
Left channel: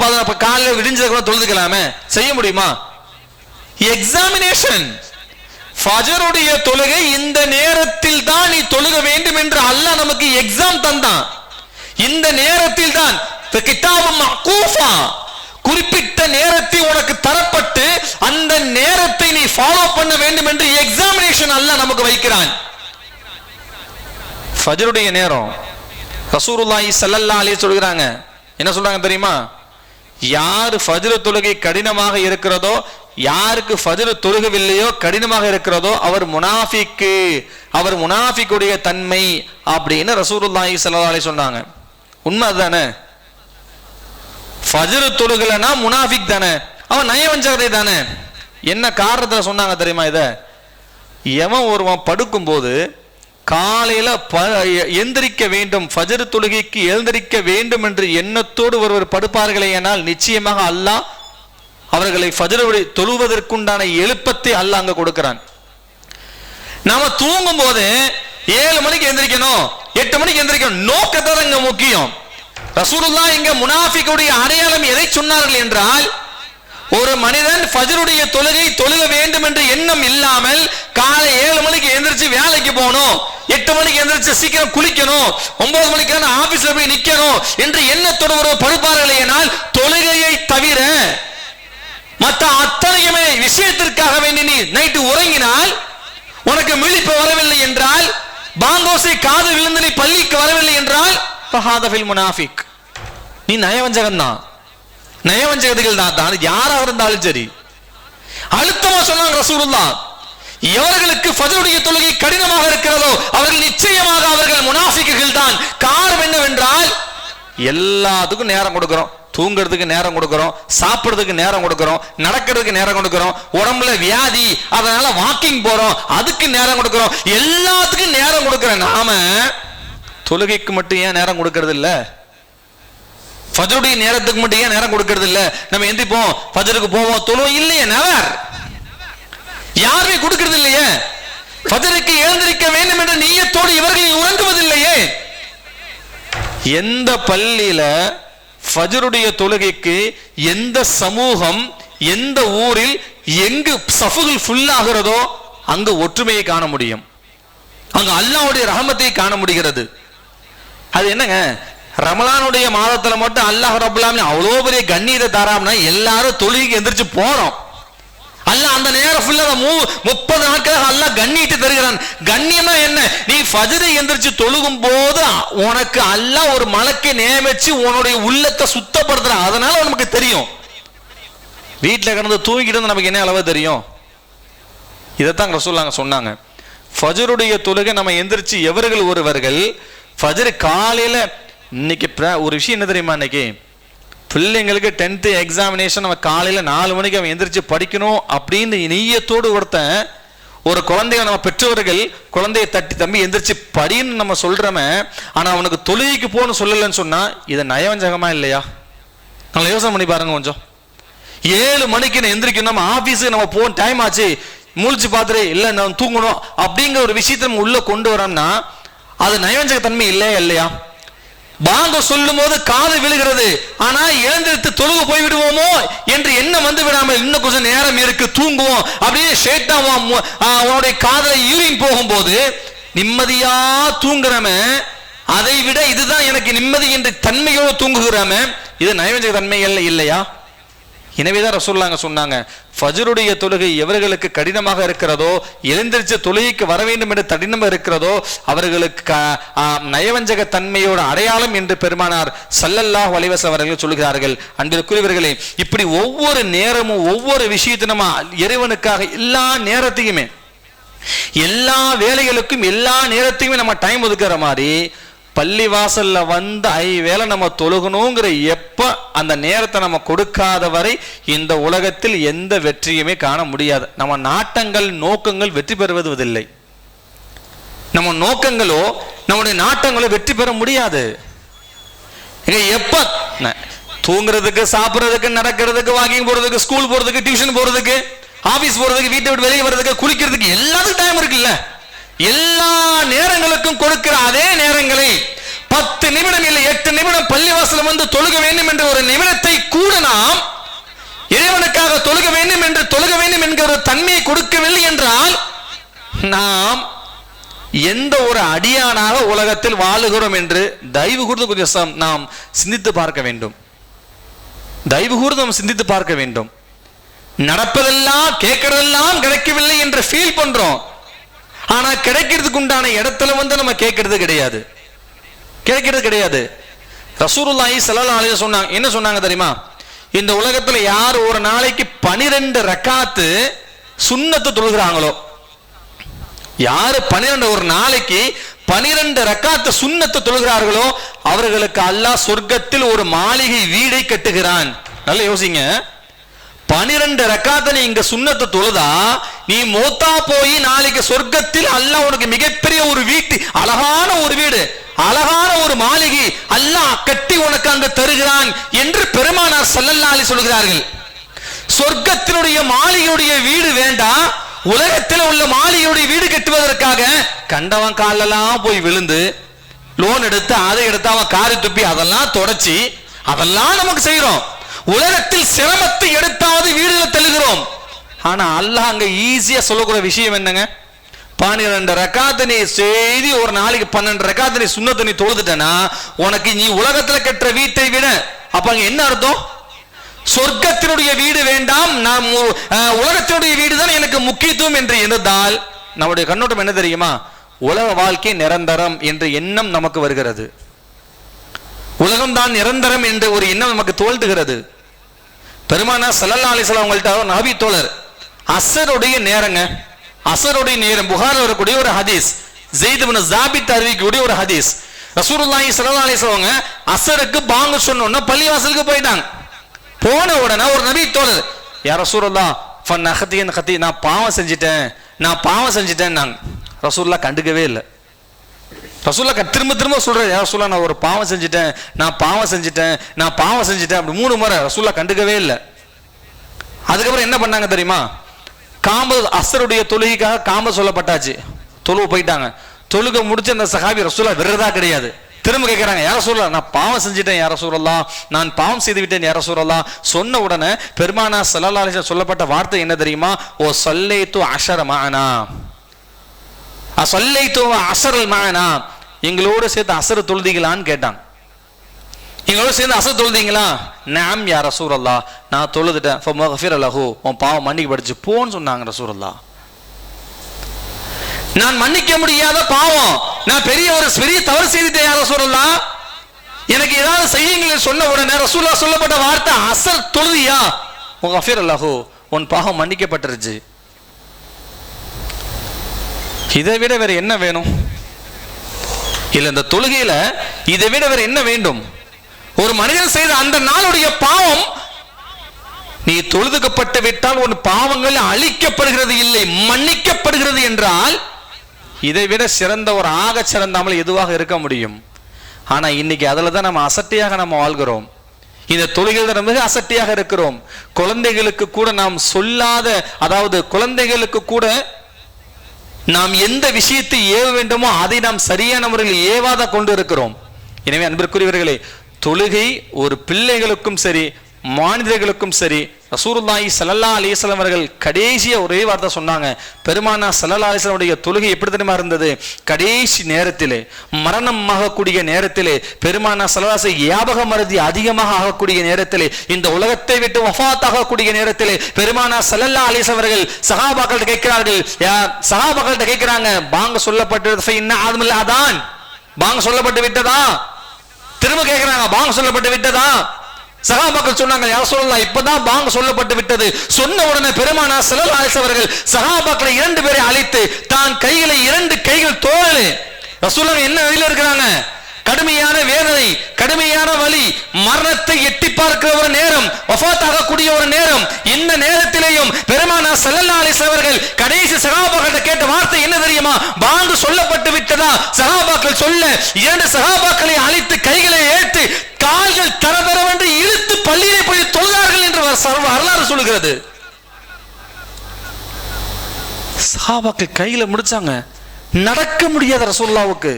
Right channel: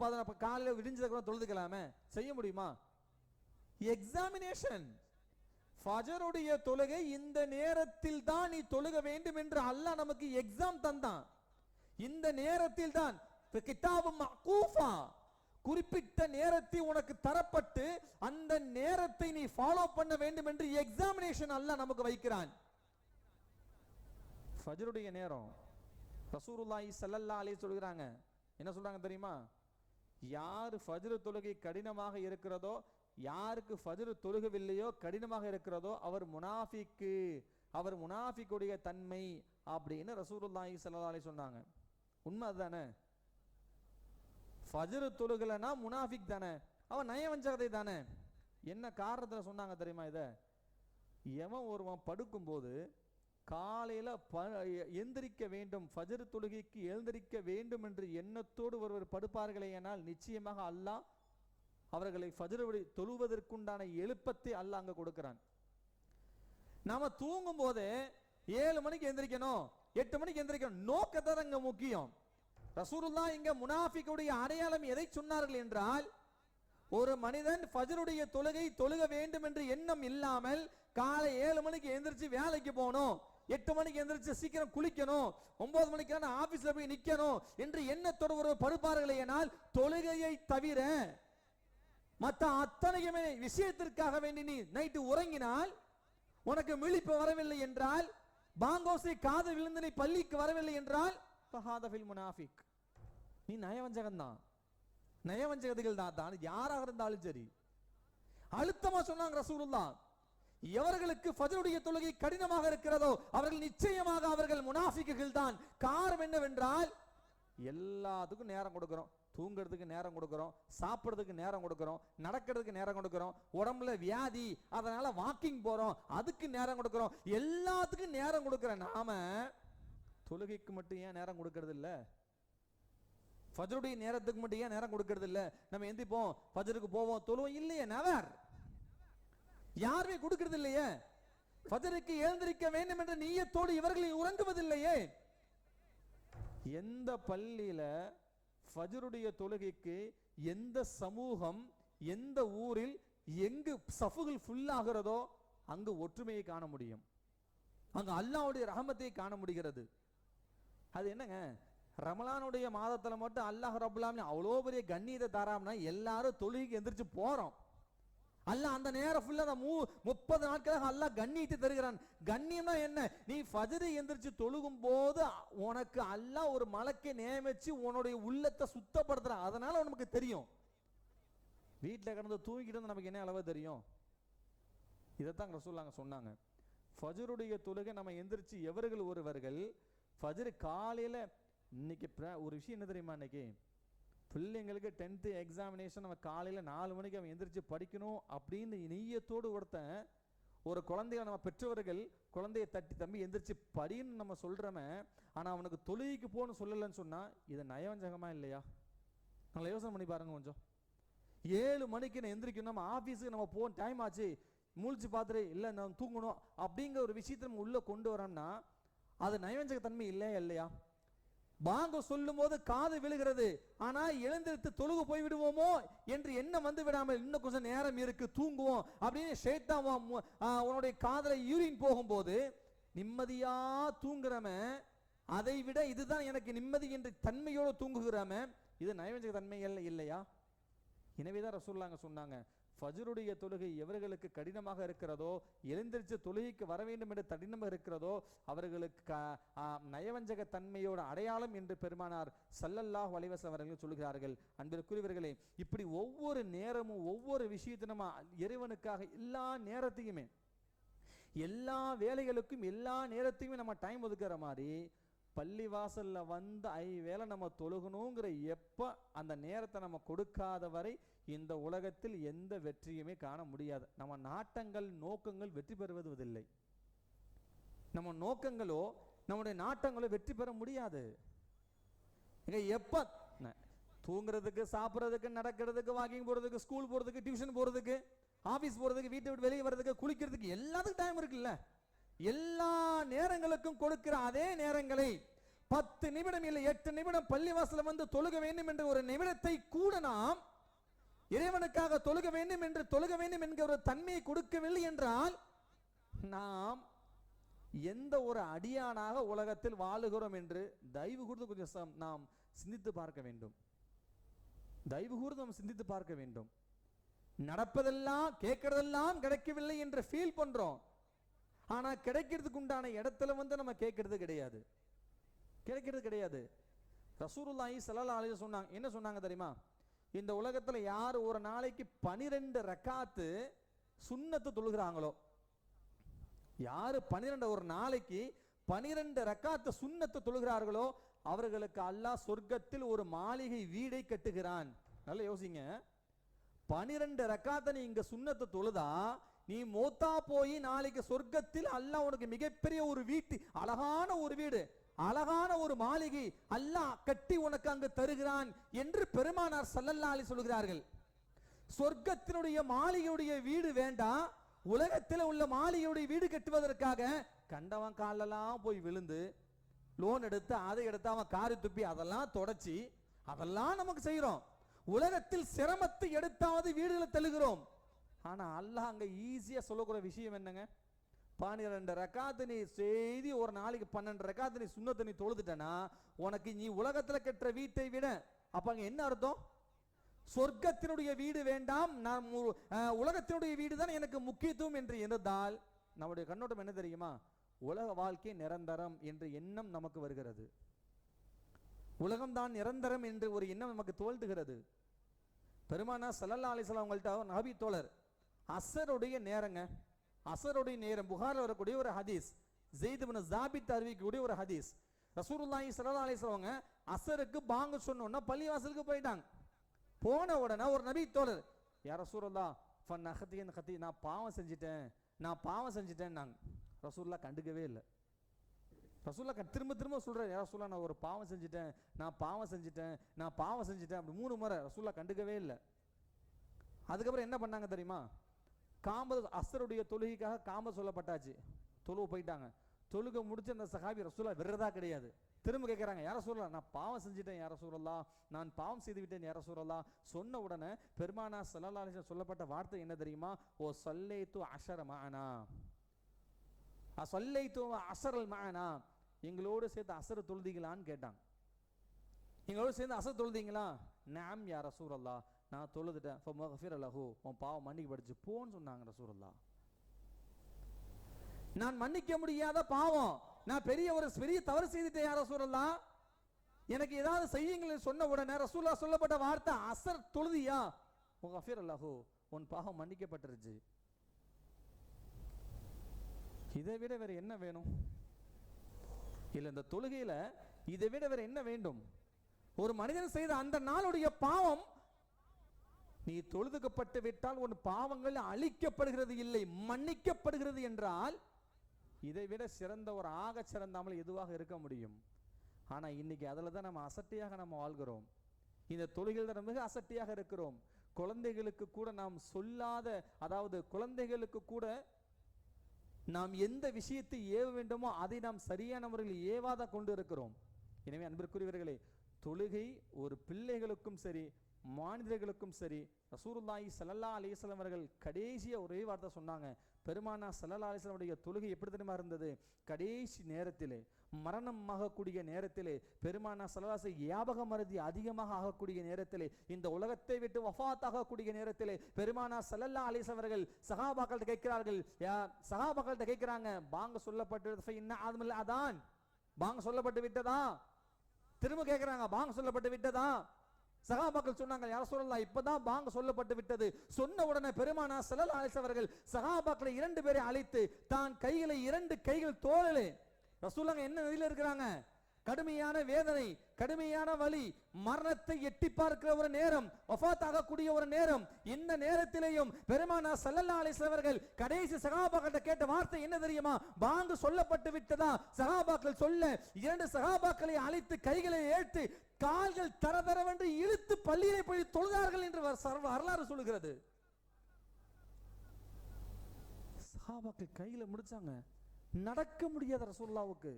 காலையில் விடிஞ்சதை கூட தொழுதுக்கலாமே, செய்ய முடியுமா? எக்ஸாமினேஷன். ஃபஜ்ருடைய தொழுகை இந்த நேரத்தில் தான் நீ தொழுக வேண்டும் என்று அல்லாஹ் நமக்கு எக்ஸாம் தந்தான். இந்த நேரத்தில் தான் குறிப்பிட்ட நேரத்தை உனக்கு தரப்பட்டு அந்த நேரத்தை நீ ஃபாலோ பண்ண வேண்டும் என்று எக்ஸாமினேஷன் அல்லாஹ் நமக்கு வைக்கிறான். ஃபஜ்ருடைய நேரம் ரசூலுல்லாஹி ஸல்லல்லாஹு அலைஹி சொல்றாங்க, என்ன சொல்றாங்க தெரியுமா? யார் ஃபஜ்ர் தொழுகை கடினமாக இருக்கிறதோ, யாருக்கு ஃபஜ்ர் தொழுகவில்லையோ கடினமாக இருக்கிறதோ அவர் முனாஃபிக்கு, அவர் முனாஃபிக்குடைய தன்மை அப்படின்னு ரசூலுல்லாஹி ஸல்லல்லாஹு அலைஹி சொன்னாங்க. உண்மை அதுதானே? ஃபஜ்ர் தொழுகலனா முனாஃபிக் தானே, அவன் நயவஞ்சகதை தானே. என்ன காரணத்துல சொன்னாங்க தெரியுமா? இத எவன் ஒருவன் படுக்கும் போது காலையில எந்திரிக்க வேண்டும், ஃபஜ்ர் தொழுகைக்கு எழுந்திரிக்க வேண்டும் என்று எண்ணத்தோடு ஒருவர் படுப்பார்களே, ஆனால் நிச்சயமாக அல்லாஹ் அவர்களை ஃபஜ்ர் தொழுவதற்குண்டான எழுப்பத்தை அல்லாஹ் அங்க கொடுக்கிறான். நாம தூங்கும் போது 7 மணிக்கு எந்திரிக்கணும், 8 மணிக்கு எந்திரிக்கணும், நோக்கத்தை இங்க முக்கியம். ரசூலுல்லாஹ் இங்க முனாஃபிக்குடைய அடையாளம் எதை சொன்னார்கள் என்றால், ஒரு மனிதன் ஃபஜ்ருடைய தொழுகை தொழுக வேண்டும் என்ற எண்ணம் இல்லாமல் காலை 7 மணிக்கு எந்திரிச்சு வேலைக்கு போகணும், 8 மணிக்கு எந்திரிச்சு சீக்கிரம் குளிக்கணும், 9 மணிக்கு ஆபீஸ்ல போய் நிக்கணும் என்று எண்ணத்தோடு ஒரு படுப்பார்களே, ஆனால் தொழுகையை தவிர மற்ற அத்தனையுமே விஷயத்திற்காக வேண்டி நீ நைட்டு உறங்கினால், உனக்கு விழிப்பு வரவில்லை என்றால், பாங்கோசை காது விழுந்து நீ பள்ளிக்கு வரவில்லை என்றால் ஃபஹாதஃபில் முனாஃபிக், நீ நயவஞ்சகன் தான், நயவஞ்சகர்கள் தான் யாராக இருந்தாலும் சரி. அழுத்தமா சொன்னாங்க ரசூலுல்லாஹ், எவர்களுக்கு ஃபஜ்ருடைய தொழுகை கடினமாக இருக்கிறதோ அவர்கள் நிச்சயமாக அவர்கள் முனாஃபிக்குகள் தான். காரணம் என்னவென்றால், எல்லாத்துக்கும் நேரம் கொடுக்கிறோம், தூங்குறதுக்கு நேரம் கொடுக்கிறோம், சாப்பிடுறதுக்கு நேரம் கொடுக்கிறோம், நடக்கிறதுக்கு நேரம் கொடுக்கிறோம், உடம்புல வியாதி அதனால வாக்கிங் போறோம் அதுக்கு நேரம் கொடுக்கிறோம், எல்லாத்துக்கும் நேரம் கொடுக்கிற நாம தொழுகைக்கு மட்டும் ஏன் நேரம் கொடுக்கறது இல்ல? ஃபஜ்ருடைய நேரத்துக்கு மட்டும் ஏன் நேரம் கொடுக்கறது இல்ல? நம்ம எந்திப்போம், ஃபஜ்ருக்கு போவோம், தொழுவோம் இல்லையே, நெவர். யாருமே கொடுக்கிறது இல்லையே. ஃபஜ்ருக்கு எழுந்திருக்க வேண்டும் என்ற நியத்தோடு இவர்கள் உறங்குவதில்லையே. எந்த பள்ளியில ஃபஜ்ருடைய தொழுகைக்கு எந்த சமூகம் எந்த ஊரில் எங்கு சஃபுகள் ஃபுல் ஆகிறதோ அங்கு ஒற்றுமையை காண முடியும், அங்கு அல்லாஹ்வுடைய ரஹமத்தை காண முடிகிறது. அது என்னங்க, ரமலானுடைய மாதத்துல மட்டும் அல்லாஹ் ரப்பல் ஆலமீன் அவ்வளவு பெரிய கண்ணியத்தை தராம்னா எல்லாரும் தொழுகைக்கு எந்திரிச்சு போறோம். அல்லாஹ் அந்த நேரம் ஃபுல்லா 30 நாட்களாக அல்லாஹ் கண்ணியத்தை தருகிறான். கண்ணியமா என்ன? நீ ஃபஜ்ரை எந்திரிச்சு தொழுகும் போது உனக்கு அல்லாஹ் ஒரு மலக்கை நியமிச்சு உன்னுடைய உள்ளத்தை சுத்தப்படுத்துறான். அதனால நமக்கு தெரியும். வீட்டில் கிடந்து தூங்கிட்டு நமக்கு என்ன அளவு தெரியும்? இதைத்தான் ரசூலுல்லாஹ் சொன்னாங்க. ஃபஜ்ருடைய தொழுகை நம்ம எந்திரிச்சு எவர்கள் ஒருவர்கள் ஃபஜ்ர் காலையில, இன்னைக்கு ஒரு விஷயம் என்ன தெரியுமா, இன்னைக்கு பிள்ளைங்களுக்கு 10th எக்ஸாமினேஷன் நம்ம காலையில 4 மணிக்கு அவன் எந்திரிச்சு படிக்கணும் அப்படின்னு நியத்தோடு ஒருத்தன், ஒரு குழந்தைய நம்ம பெற்றவர்கள் குழந்தைய தட்டி தம்பி எந்திரிச்சு படின்னு நம்ம சொல்றோமே, ஆனா அவனுக்கு தொழுகைக்கு போகணும்னு சொல்லலன்னு சொன்னா இது நயவஞ்சகமா இல்லையா? நல்லா யோசனை பண்ணி பாருங்க கொஞ்சம். 7 மணிக்கு நான் எந்திரிக்கணும், நம்ம ஆபீஸுக்கு நம்ம போன டைம் ஆச்சு, முழிச்சு பார்த்துட்டு இல்லை நான் தூங்கணும் அப்படிங்கிற ஒரு விஷயத்தை நம்ம உள்ள கொண்டு வரோம்னா அது நயவஞ்சக தன்மை இல்லையா? இல்லையா? பாங்க சொல்லும் போது காது விழுகிறது, ஆனா எழுந்திருத்து தொழுக போய் விடுவோமோ என்று எண்ணம் வந்து விடாமல் இன்னும் கொஞ்சம் நேரம் இருக்கு தூங்குவோம் அப்படின்னு ஷேட்டாவும் உன்னுடைய காதலை யூரின் போகும்போது நிம்மதியா தூங்குறமே, அதை விட இதுதான் எனக்கு நிம்மதி என்று தன்மையோடு தூங்குகிறோமே, இது நயவஞ்சக தன்மை இல்லையா? எனவேதான் ரசூலுல்லாஹ் சொன்னாங்க, ஃபஜ்ருடைய தொழுகை எவர்களுக்கு கடினமாக இருக்கிறதோ, எழுந்திரிச்ச தொழுகைக்கு வர வேண்டும் என்று கடினமாக இருக்கிறதோ அவர்களுக்கு நயவஞ்சக தன்மையோட அடையாளம் என்று பெருமானார் ஸல்லல்லாஹு அலைஹி வஸல்லம் அவர்கள் சொல்கிறார்கள். அன்பிற்குரியவர்களே, இப்படி ஒவ்வொரு நேரமும் ஒவ்வொரு விஷயத்தையும் நம்ம இறைவனுக்காக எல்லா நேரத்தையுமே எல்லா வேலைகளுக்கும் எல்லா நேரத்தையுமே நம்ம டைம் ஒதுக்குற மாதிரி பள்ளி வாசல்ல வந்து 5 வேளை நம்ம தொழுகணுங்கிற எப்ப அந்த நேரத்தை நம்ம கொடுக்காத வரை இந்த உலகத்தில் எந்த வெற்றியுமே காண முடியாது. நம்ம நாட்டங்கள் நோக்கங்கள் வெற்றி பெறுவதில்லை. நம்ம நோக்கங்களோ நம்முடைய நாட்டங்களோ வெற்றி பெற முடியாது. எப்ப தூங்குறதுக்கு, சாப்பிடுறதுக்கு, நடக்கிறதுக்கு, வாக்கிங் போறதுக்கு, ஸ்கூல் போறதுக்கு, டியூஷன் போறதுக்கு, ஆபீஸ் போறதுக்கு, வீட்டை விட்டு வெளியே வர்றதுக்கு, குளிக்கிறதுக்கு எல்லாத்துக்கும் டைம் இருக்குல்ல. எல்லா நேரங்களுக்கும் கொடுக்கிற அதே நேரங்களை 10 நிமிடம் இல்லை 8 நிமிடம் பள்ளிவாசல் வந்து தொழுக வேண்டும் என்ற ஒரு நிமிடத்தை கூட நாம் இறைவனுக்காக தொழுக வேண்டும் என்கிற ஒரு தன்மையை கொடுக்கவில்லை என்றால் நாம் எந்த ஒரு அடியானாக உலகத்தில் வாழுகிறோம் என்று தயவு கூர்ந்து கொஞ்சம் நாம் சிந்தித்து பார்க்க வேண்டும். தயவு கூர்ந்து நாம் சிந்தித்து பார்க்க வேண்டும். நடப்பதெல்லாம் கேட்கறதெல்லாம் கிடைக்கவில்லை என்று ஃபீல் பண்றோம். ஆனா கிடைக்கிறதுக்கு உண்டான இடத்துல வந்து நம்ம கேட்கறது கிடையாது. ரசூலுல்லாஹி ஸல்லல்லாஹு அலைஹி வஸல்லம் என்ன சொன்னாங்க தெரியுமா? இந்த உலகத்துல யார் ஒரு நாளைக்கு 12 ரக்காத்து சுன்னத்து தொழுகிறாங்களோ, யாரு 12 ஒரு நாளைக்கு 12 ரக்காத்து சுன்னத்து தொழுகிறார்களோ அவர்களுக்கு அல்லாஹ் சொர்க்கத்தில் ஒரு மாளிகை வீடை கட்டுகிறான். நல்லா யோசிங்க. 12 ரக்காத்தை நீ இங்க சுன்னத்து தொழுதா நீ மௌத்தா போய் நாளைக்கு சொர்க்கத்தில் அல்லாஹ் உனக்கு மிகப்பெரிய ஒரு வீட்டு, அழகான ஒரு வீடு, அழகான ஒரு மாளிகை அல்லாஹ் கட்டி உனக்கு அங்கு தருகிறான் என்று பெருமானார் ஸல்லல்லாஹு அலைஹி சொல்கிறார்கள். சொர்க்கத்தினுடைய மாளிகையுடைய வீடு வேண்டாம், உலகத்தில் உள்ள மாளிகையுடைய வீடு கட்டுவதற்காக கண்டவன் காலெல்லாம் போய் விழுந்து லோன் எடுத்து அதை எடுத்து அவன் காரி துப்பி அதெல்லாம் தொடச்சி அதெல்லாம் நமக்கு செய்யறோம். உலகத்தில் சிரமத்தை எடுத்தாவது வீடுகளை தள்ளுகிறோம். ஆனா அல்லாஹ் அங்க ஈஸியா சொல்லக்கூடிய விஷயம் என்னங்க? 12 ரக்காத்து நீ செய்தி ஒரு நாளைக்கு 12 ரக்காத்து நீ சுன்னத்தை நீ தொழுதுட்டனா உனக்கு நீ உலகத்துல கட்டுற வீட்டை விட, அப்ப அங்க என்ன அர்த்தம்? சொர்க்கத்தினுடைய வீடு வேண்டாம், நாம் உலகத்தினுடைய வீடு தான் எனக்கு முக்கியத்துவம் என்று எண்ணுதால் நம்முடைய கண்ணோட்டம் என்ன தெரியுமா? உலக வாழ்க்கை நிரந்தரம் என்ற எண்ணம் நமக்கு வருகிறது. உலகம் தான் நிரந்தரம் என்ற ஒரு எண்ணம் நமக்கு தோல்டுகிறது. பெருமானார் ஸல்லல்லாஹு அலைஹி வஸல்லம் அவங்கள்ட்ட நபி தோழர் அஸருடைய நேரங்க, அஸருடைய நேரம் புகாரில் வரக்கூடிய ஒரு ஹதீஸ், ஸெய்த் இப்னு ஸாபித் அறிவிக்கக்கூடிய ஒரு ஹதீஸ். ரசூலுல்லாஹி ஸல்லல்லாஹு அலைஹி வஸல்லம் அஸருக்கு பாங்கு சொன்னோன்னா பள்ளிவாசலுக்கு போயிட்டாங்க. போன உடனே ஒரு நபி தோழர், யா ரசூலுல்லாஹ் ஃபனஹதியன் ஹதி, நான் பாவம் செஞ்சிட்டேன் நாங்க. ரசூலுல்லாஹ் கண்டுக்கவே இல்லை. ரசூலுல்லாஹ் திரும்ப திரும்ப சொல்றாரு, யா ரசூலுல்லாஹ் நான் ஒரு பாவம் செஞ்சிட்டேன் அப்படி 3 முறை ரசூலுல்லாஹ் கண்டுக்கவே இல்லை. அதுக்கப்புறம் என்ன பண்ணாங்க தெரியுமா? அஸருடைய தொழுகைக்காக காம்ப சொல்லப்பட்டாச்சு, தொழுவு போயிட்டாங்க. தொழுகை முடிச்சு அந்த சஹாபி ரசூலுல்லாஹ் விரதா கிடையாது, திரும்ப கேட்கிறாங்க, யா ரசூலுல்லாஹ் நான் பாவம் செஞ்சிட்டேன் யா ரசூலுல்லாஹ், நான் பாவம் செய்து விட்டேன் யா ரசூலுல்லாஹ். சொன்ன உடனே பெருமானார் ஸல்லல்லாஹு அலைஹி வஸல்லம் சொல்லப்பட்ட வார்த்தை என்ன தெரியுமா? ஓ ஸல்லைத்து அஷர மஅனா, ஸல்லைத்து அஷரல் மஅனா, எங்களோட சேர்த்து அஸர் தொழுதீங்களான்னு கேட்டாங்க. எங்களோட சேர்ந்து அஸர் தொழுதீங்களா? நஅம் யா ரசூலுல்லாஹ், நான் தொழுதுட்டேன். ஃபமக்ஃபிர் லஹு, உன் பாவம் மன்னிக்கப்படுச்சு போன்னு சொன்னாங்க ரசூலுல்லாஹ். நான் மன்னிக்க முடியாத பாவம், நான் பெரிய தவறு செய்துட்டேன் யா ரசூலுல்லாஹ், எனக்கு ஏதாவது செய்யுங்கள் சொன்ன உடனே ரசூலுல்லாஹ் சொல்லப்பட்ட வார்த்தை அஸர் தொழுதியா? ஃபமக்ஃபிர் லஹு, உன் பாவம் மன்னிக்கப்பட்டிருச்சு. இதை விட வேற என்ன வேணும்? இல்ல இந்த தொழுகையில இதை விட வேற என்ன வேண்டும்? ஒரு மனிதன் செய்த அந்த நாளுடைய பாவம் நீ தொழுதுக்கப்பட்டு விட்டால் உன் பாவங்கள் அழிக்கப்படுகிறது இல்லை, மன்னிக்கப்படுகிறது என்றால் இதை விட சிறந்த ஒரு ஆக சிறந்தாமல் எதுவாக இருக்க முடியும்? ஆனா இன்னைக்கு அதுல தான் நம்ம அசட்டையாக நம்ம வாழ்கிறோம். இந்த தொழுகையில் மிக அசட்டையாக இருக்கிறோம். குழந்தைகளுக்கு கூட நாம் சொல்லாத, அதாவது குழந்தைகளுக்கு கூட நாம் எந்த விஷயத்தை ஏவ வேண்டுமோ அதை நாம் சரியான முறையில் ஏவாத கொண்டு இருக்கிறோம். எனவே அன்பிற்குரியவர்களே, தொழுகை ஒரு பிள்ளைகளுக்கும் சரி மாநிலர்களுக்கும் சரி ரசூலுல்லாஹி ஸல்லல்லாஹு அலைஹி வஸல்லம் அவர்கள் கடைசியா ஒரே வார்த்தை சொன்னாங்க. பெருமானார் ஸல்லல்லாஹு அலைஹி வஸல்லம் உடைய தொழுகை எப்படி தெரியுமா இருந்தது? கடைசி நேரத்திலே, மரணம் ஆகக்கூடிய நேரத்திலே, பெருமானார் ஸல்லல்லாஹு அலைஹி வஸல்லம் ஞாபக மறதி அதிகமாக ஆகக்கூடிய நேரத்திலே, இந்த உலகத்தை விட்டு வஃபாத் ஆகக்கூடிய நேரத்திலே பெருமானார் ஸல்லல்லாஹு அலைஹி வஸல்லம் அவர்கள் சஹாபாக்கள்கிட்ட கேட்கிறார்கள், சஹாபாக்கள்கிட்ட கேட்கிறாங்க, பாங்க சொல்லப்பட்டது ஃபைன்ன ஆதமில் அதான், பாங்க சொல்லப்பட்டு விட்டதா? திரும்ப கேட்கிறாங்க, பாங்க சொல்லப்பட்டு விட்டதா? சஹாபாக்கள் சொன்னாங்க, யா ரசூலல்லாஹ் இப்பதான் பாங்க சொல்லப்பட்டு விட்டது. சொன்ன உடனே பெருமானார் ஸல்லல்லாஹு அலைஹி வஸல்லம் அவர்கள் சஹாபாக்களை 2 பேரை அழைத்து தான் கைகளை 2 கைகள் தோளே, ரசூலுல்லாஹ் என்ன நிலையில இருக்கிறாங்க? கடுமையான வேதனை, கடுமையான வலி, மரணத்தை எட்டி பார்க்கிற ஒரு நேரம், வஃபாத் ஆகக்கூடிய ஒரு நேரம். இந்த நேரத்திலேயும் பெருமானார் ஸல்லல்லாஹு அலைஹி வஸல்லம் அவர்கள் கடைசி சஹாபாக்களை கேட்ட வார்த்தை என்ன தெரியுமா? பாங்கு சொல்லப்பட்டு விட்டதா? சஹாபாக்கள் சொல்ல 2 சஹாபாக்களை அழைத்து கைகளை ஏற்று கால்கள் தரதரவென்று இழுத்து பள்ளியிலே போய் தொழுதார்கள் என்று வரலாறு சொல்லுகிறது. சஹாபாக்கள் கையில முடிச்சாங்க, நடக்க முடியாத ரசூலுல்லாஹ்வுக்கு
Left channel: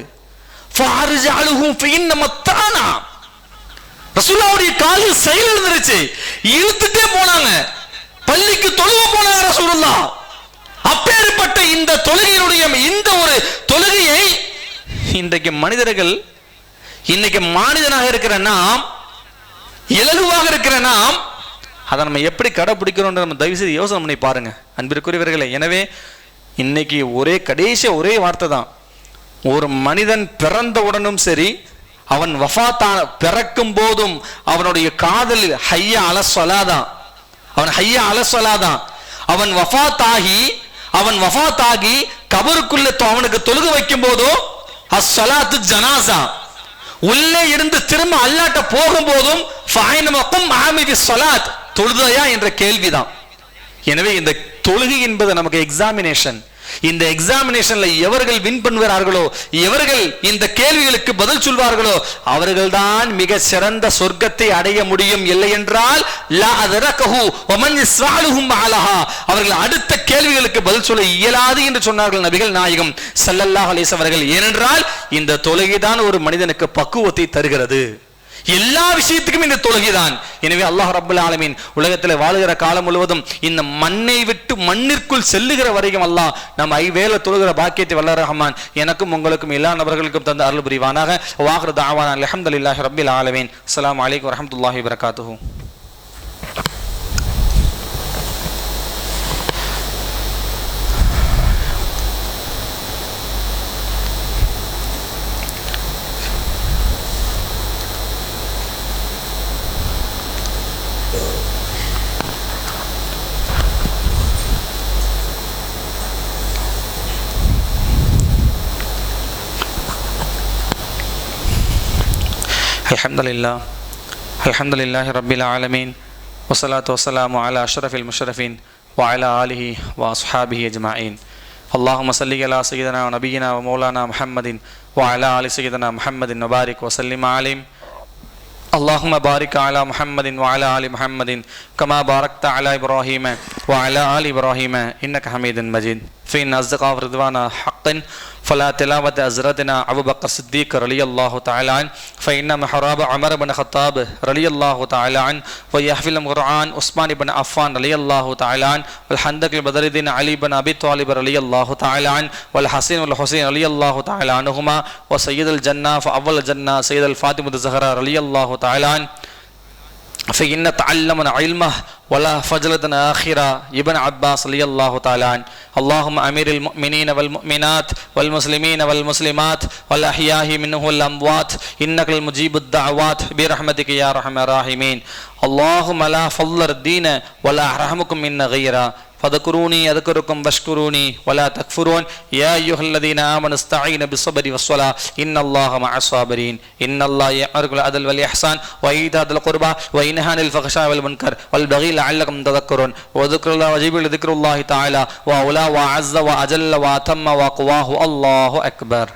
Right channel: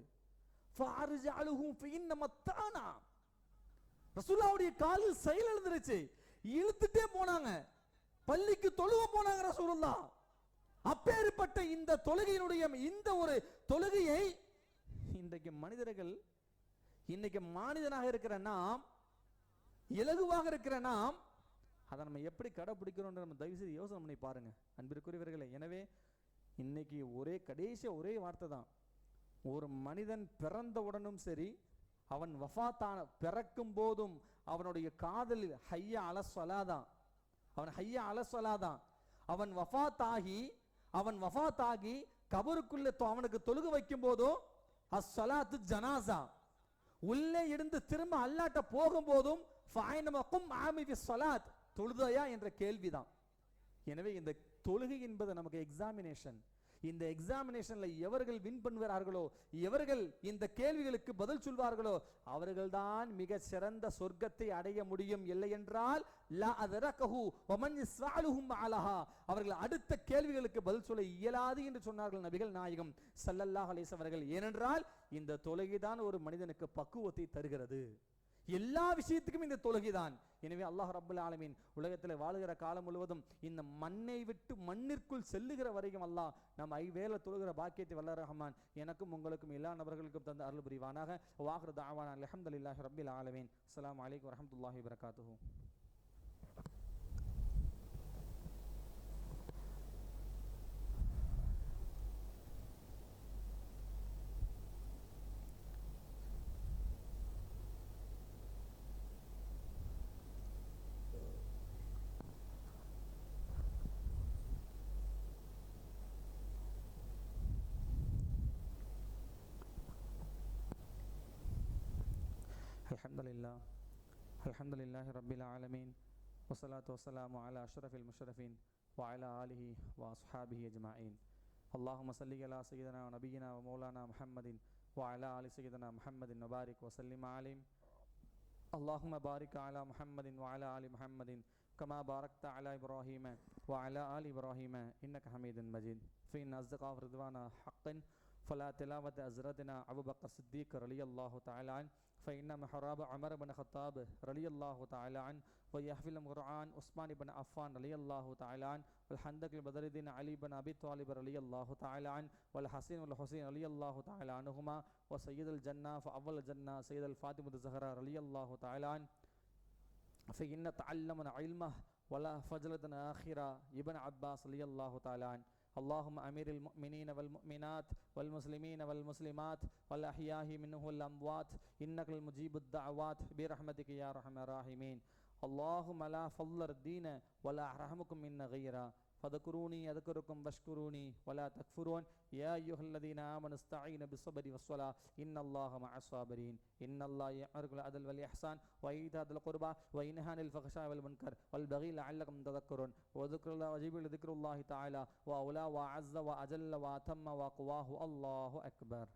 ரசூலுல்லாஹ்வுடைய காலில் செயல் இருந்துருச்சு, இழுத்துட்டே போனாங்க, பள்ளிக்கு தொழுவ போனாங்க ரசூலுல்லாஹ். அப்பேற்பட்ட இந்த தொழுகையினுடைய இந்த ஒரு தொழுகையை இன்றைக்கு மனிதர்கள், இன்னைக்கு மாநிலனாக இருக்கிற நாம், இலகுவாக இருக்கிற நாம், அதை நம்ம எப்படி கடைபிடிக்கிறோம் நம்ம தயவு செய்து யோசனை பண்ணி பாருங்க அன்பிற்குரியவர்களே. எனவே இன்னைக்கு கடைசி ஒரே வார்த்தை தான், ஒரு மனிதன் பிறந்தவுடனும் சரி அவன் வஃபாத்தான பிறக்கும் போதும் அவனுடைய காதலில் ஹய்யா அலஸ்ஸலாதான், அவன் ஹய்யா அலஸ்ஸலாதான். அவன் வஃபாத்தாகி கபருக்குள்ள அவனுக்கு தொழுக வைக்கும் போதும் அஸ்ஸலாத்து ஜனாசா, உள்ளே இருந்து திரும்ப அல்லாட்ட போகும்போதும் தொழுதையா என்ற கேள்விதான். எனவே இந்த தொழுகை என்பது நமக்கு எக்ஸாமினேஷன். இந்த எக்ஸாமினேஷன்ல எவர்கள் வின் பண்ணுவார்களோ, எவர்கள் இந்த கேள்விகளுக்கு பதில் சொல்வார்களோ, அவர்கள்தான் மிக சிறந்த சொர்க்கத்தை அடைய முடியும். இல்லை என்றால் அவர்கள் அடுத்த கேள்விகளுக்கு பதில் சொல்ல இயலாது என்று சொன்னார்கள் நபிகள் நாயகம் ஸல்லல்லாஹு அலைஹி வஸல்லம் அவர்கள். ஏனென்றால் இந்த தொழுகைதான் ஒரு மனிதனுக்கு பக்குவத்தை தருகிறது. எல்லா விஷயத்துக்கும் இந்த தொழுகைதான். எனவே அல்லாஹ் ரப்பல் ஆலமீன் உலகத்தில் வாழுகிற காலம் முழுவதும் இந்த மண்ணை விட்டு மண்ணிற்குள் செல்லுகிற வரைக்கும் அல்லாஹ் நம்ம ஐவேளை தொழுகிற பாக்கியத்தை வல்ல ரஹ்மான் எனக்கும் உங்களுக்கும் எல்லா நபர்களுக்கும் தந்து அருள் புரிவானாக. வாஹிரு தஅவானா அல்ஹம்துலில்லாஹி ரப்பில் ஆலமீன். அஸ்ஸலாமு அலைக்கும் வரஹ்மத்துல்லாஹி வபரகாத்துஹு. அல்ஹம்துலில்லாஹி ரப்பில் ஆலமீன் வஸ்ஸலாத்து வஸ்ஸலாமு அலா அஷ்ரஃபில் முஷ்ரஃபீன் வ அலா ஆலிஹி வ அஸ்ஹாபிஹி அஜ்மஈன். அல்லாஹும்ம ஸல்லி அலா சய்யிதினா வ நபியினா வ மௌலானா முஹம்மதின் வ அலா ஆலி சய்யிதினா முஹம்மதின் வ பாரிக் வ சல்லிம் அலைஹி. اللهم بارك على محمد وعلى آل محمد كما باركت على إبراهيم وعلى آل إبراهيم إنك حميد مجيد. فإن أصدق رضوان حق فلا تلاوة أزرتنا أبو بكر الصديق رضي الله تعالى عنه، فإن محراب عمر بن الخطاب رضي الله تعالى عنه، ويحفظ القرآن عثمان بن عفان رضي الله تعالى عنه، والحندق بدر الدين علي بن أبي طالب رضي الله تعالى عنه، والحسين والحسين رضي الله تعالى عنهما، وسيد الجنة فأول الجنة سيد الفاطمة الزهراء رضي الله تعالى عنه. فإن تعلمنا علمه ولا فجلتنا آخرة ابن عباس رضي الله تعالى عنه. اللهم أمير المؤمنين والمؤمنات والمسلمين والمسلمات والأحياء منهم والأموات إنك المجيب الدعوات برحمتك يا أرحم الراحمين. اللهم لا فضل الدين ولا أرحمكم منا غيره فذكروني أذكركم واشكروني ولا تكفرون. يا أيها الذين آمنوا استعينوا بالصبر والصلاة إن الله مع الصابرين. إن الله يأمر بالعدل والإحسان وإيتاء ذي القربى وينهى عن الفحشاء والمنكر والبغي لعلكم تذكرون. وذكر الله وجيب لذكر الله تعالى وأولى وأعز وأجل وأتم وأقواه. الله أكبر.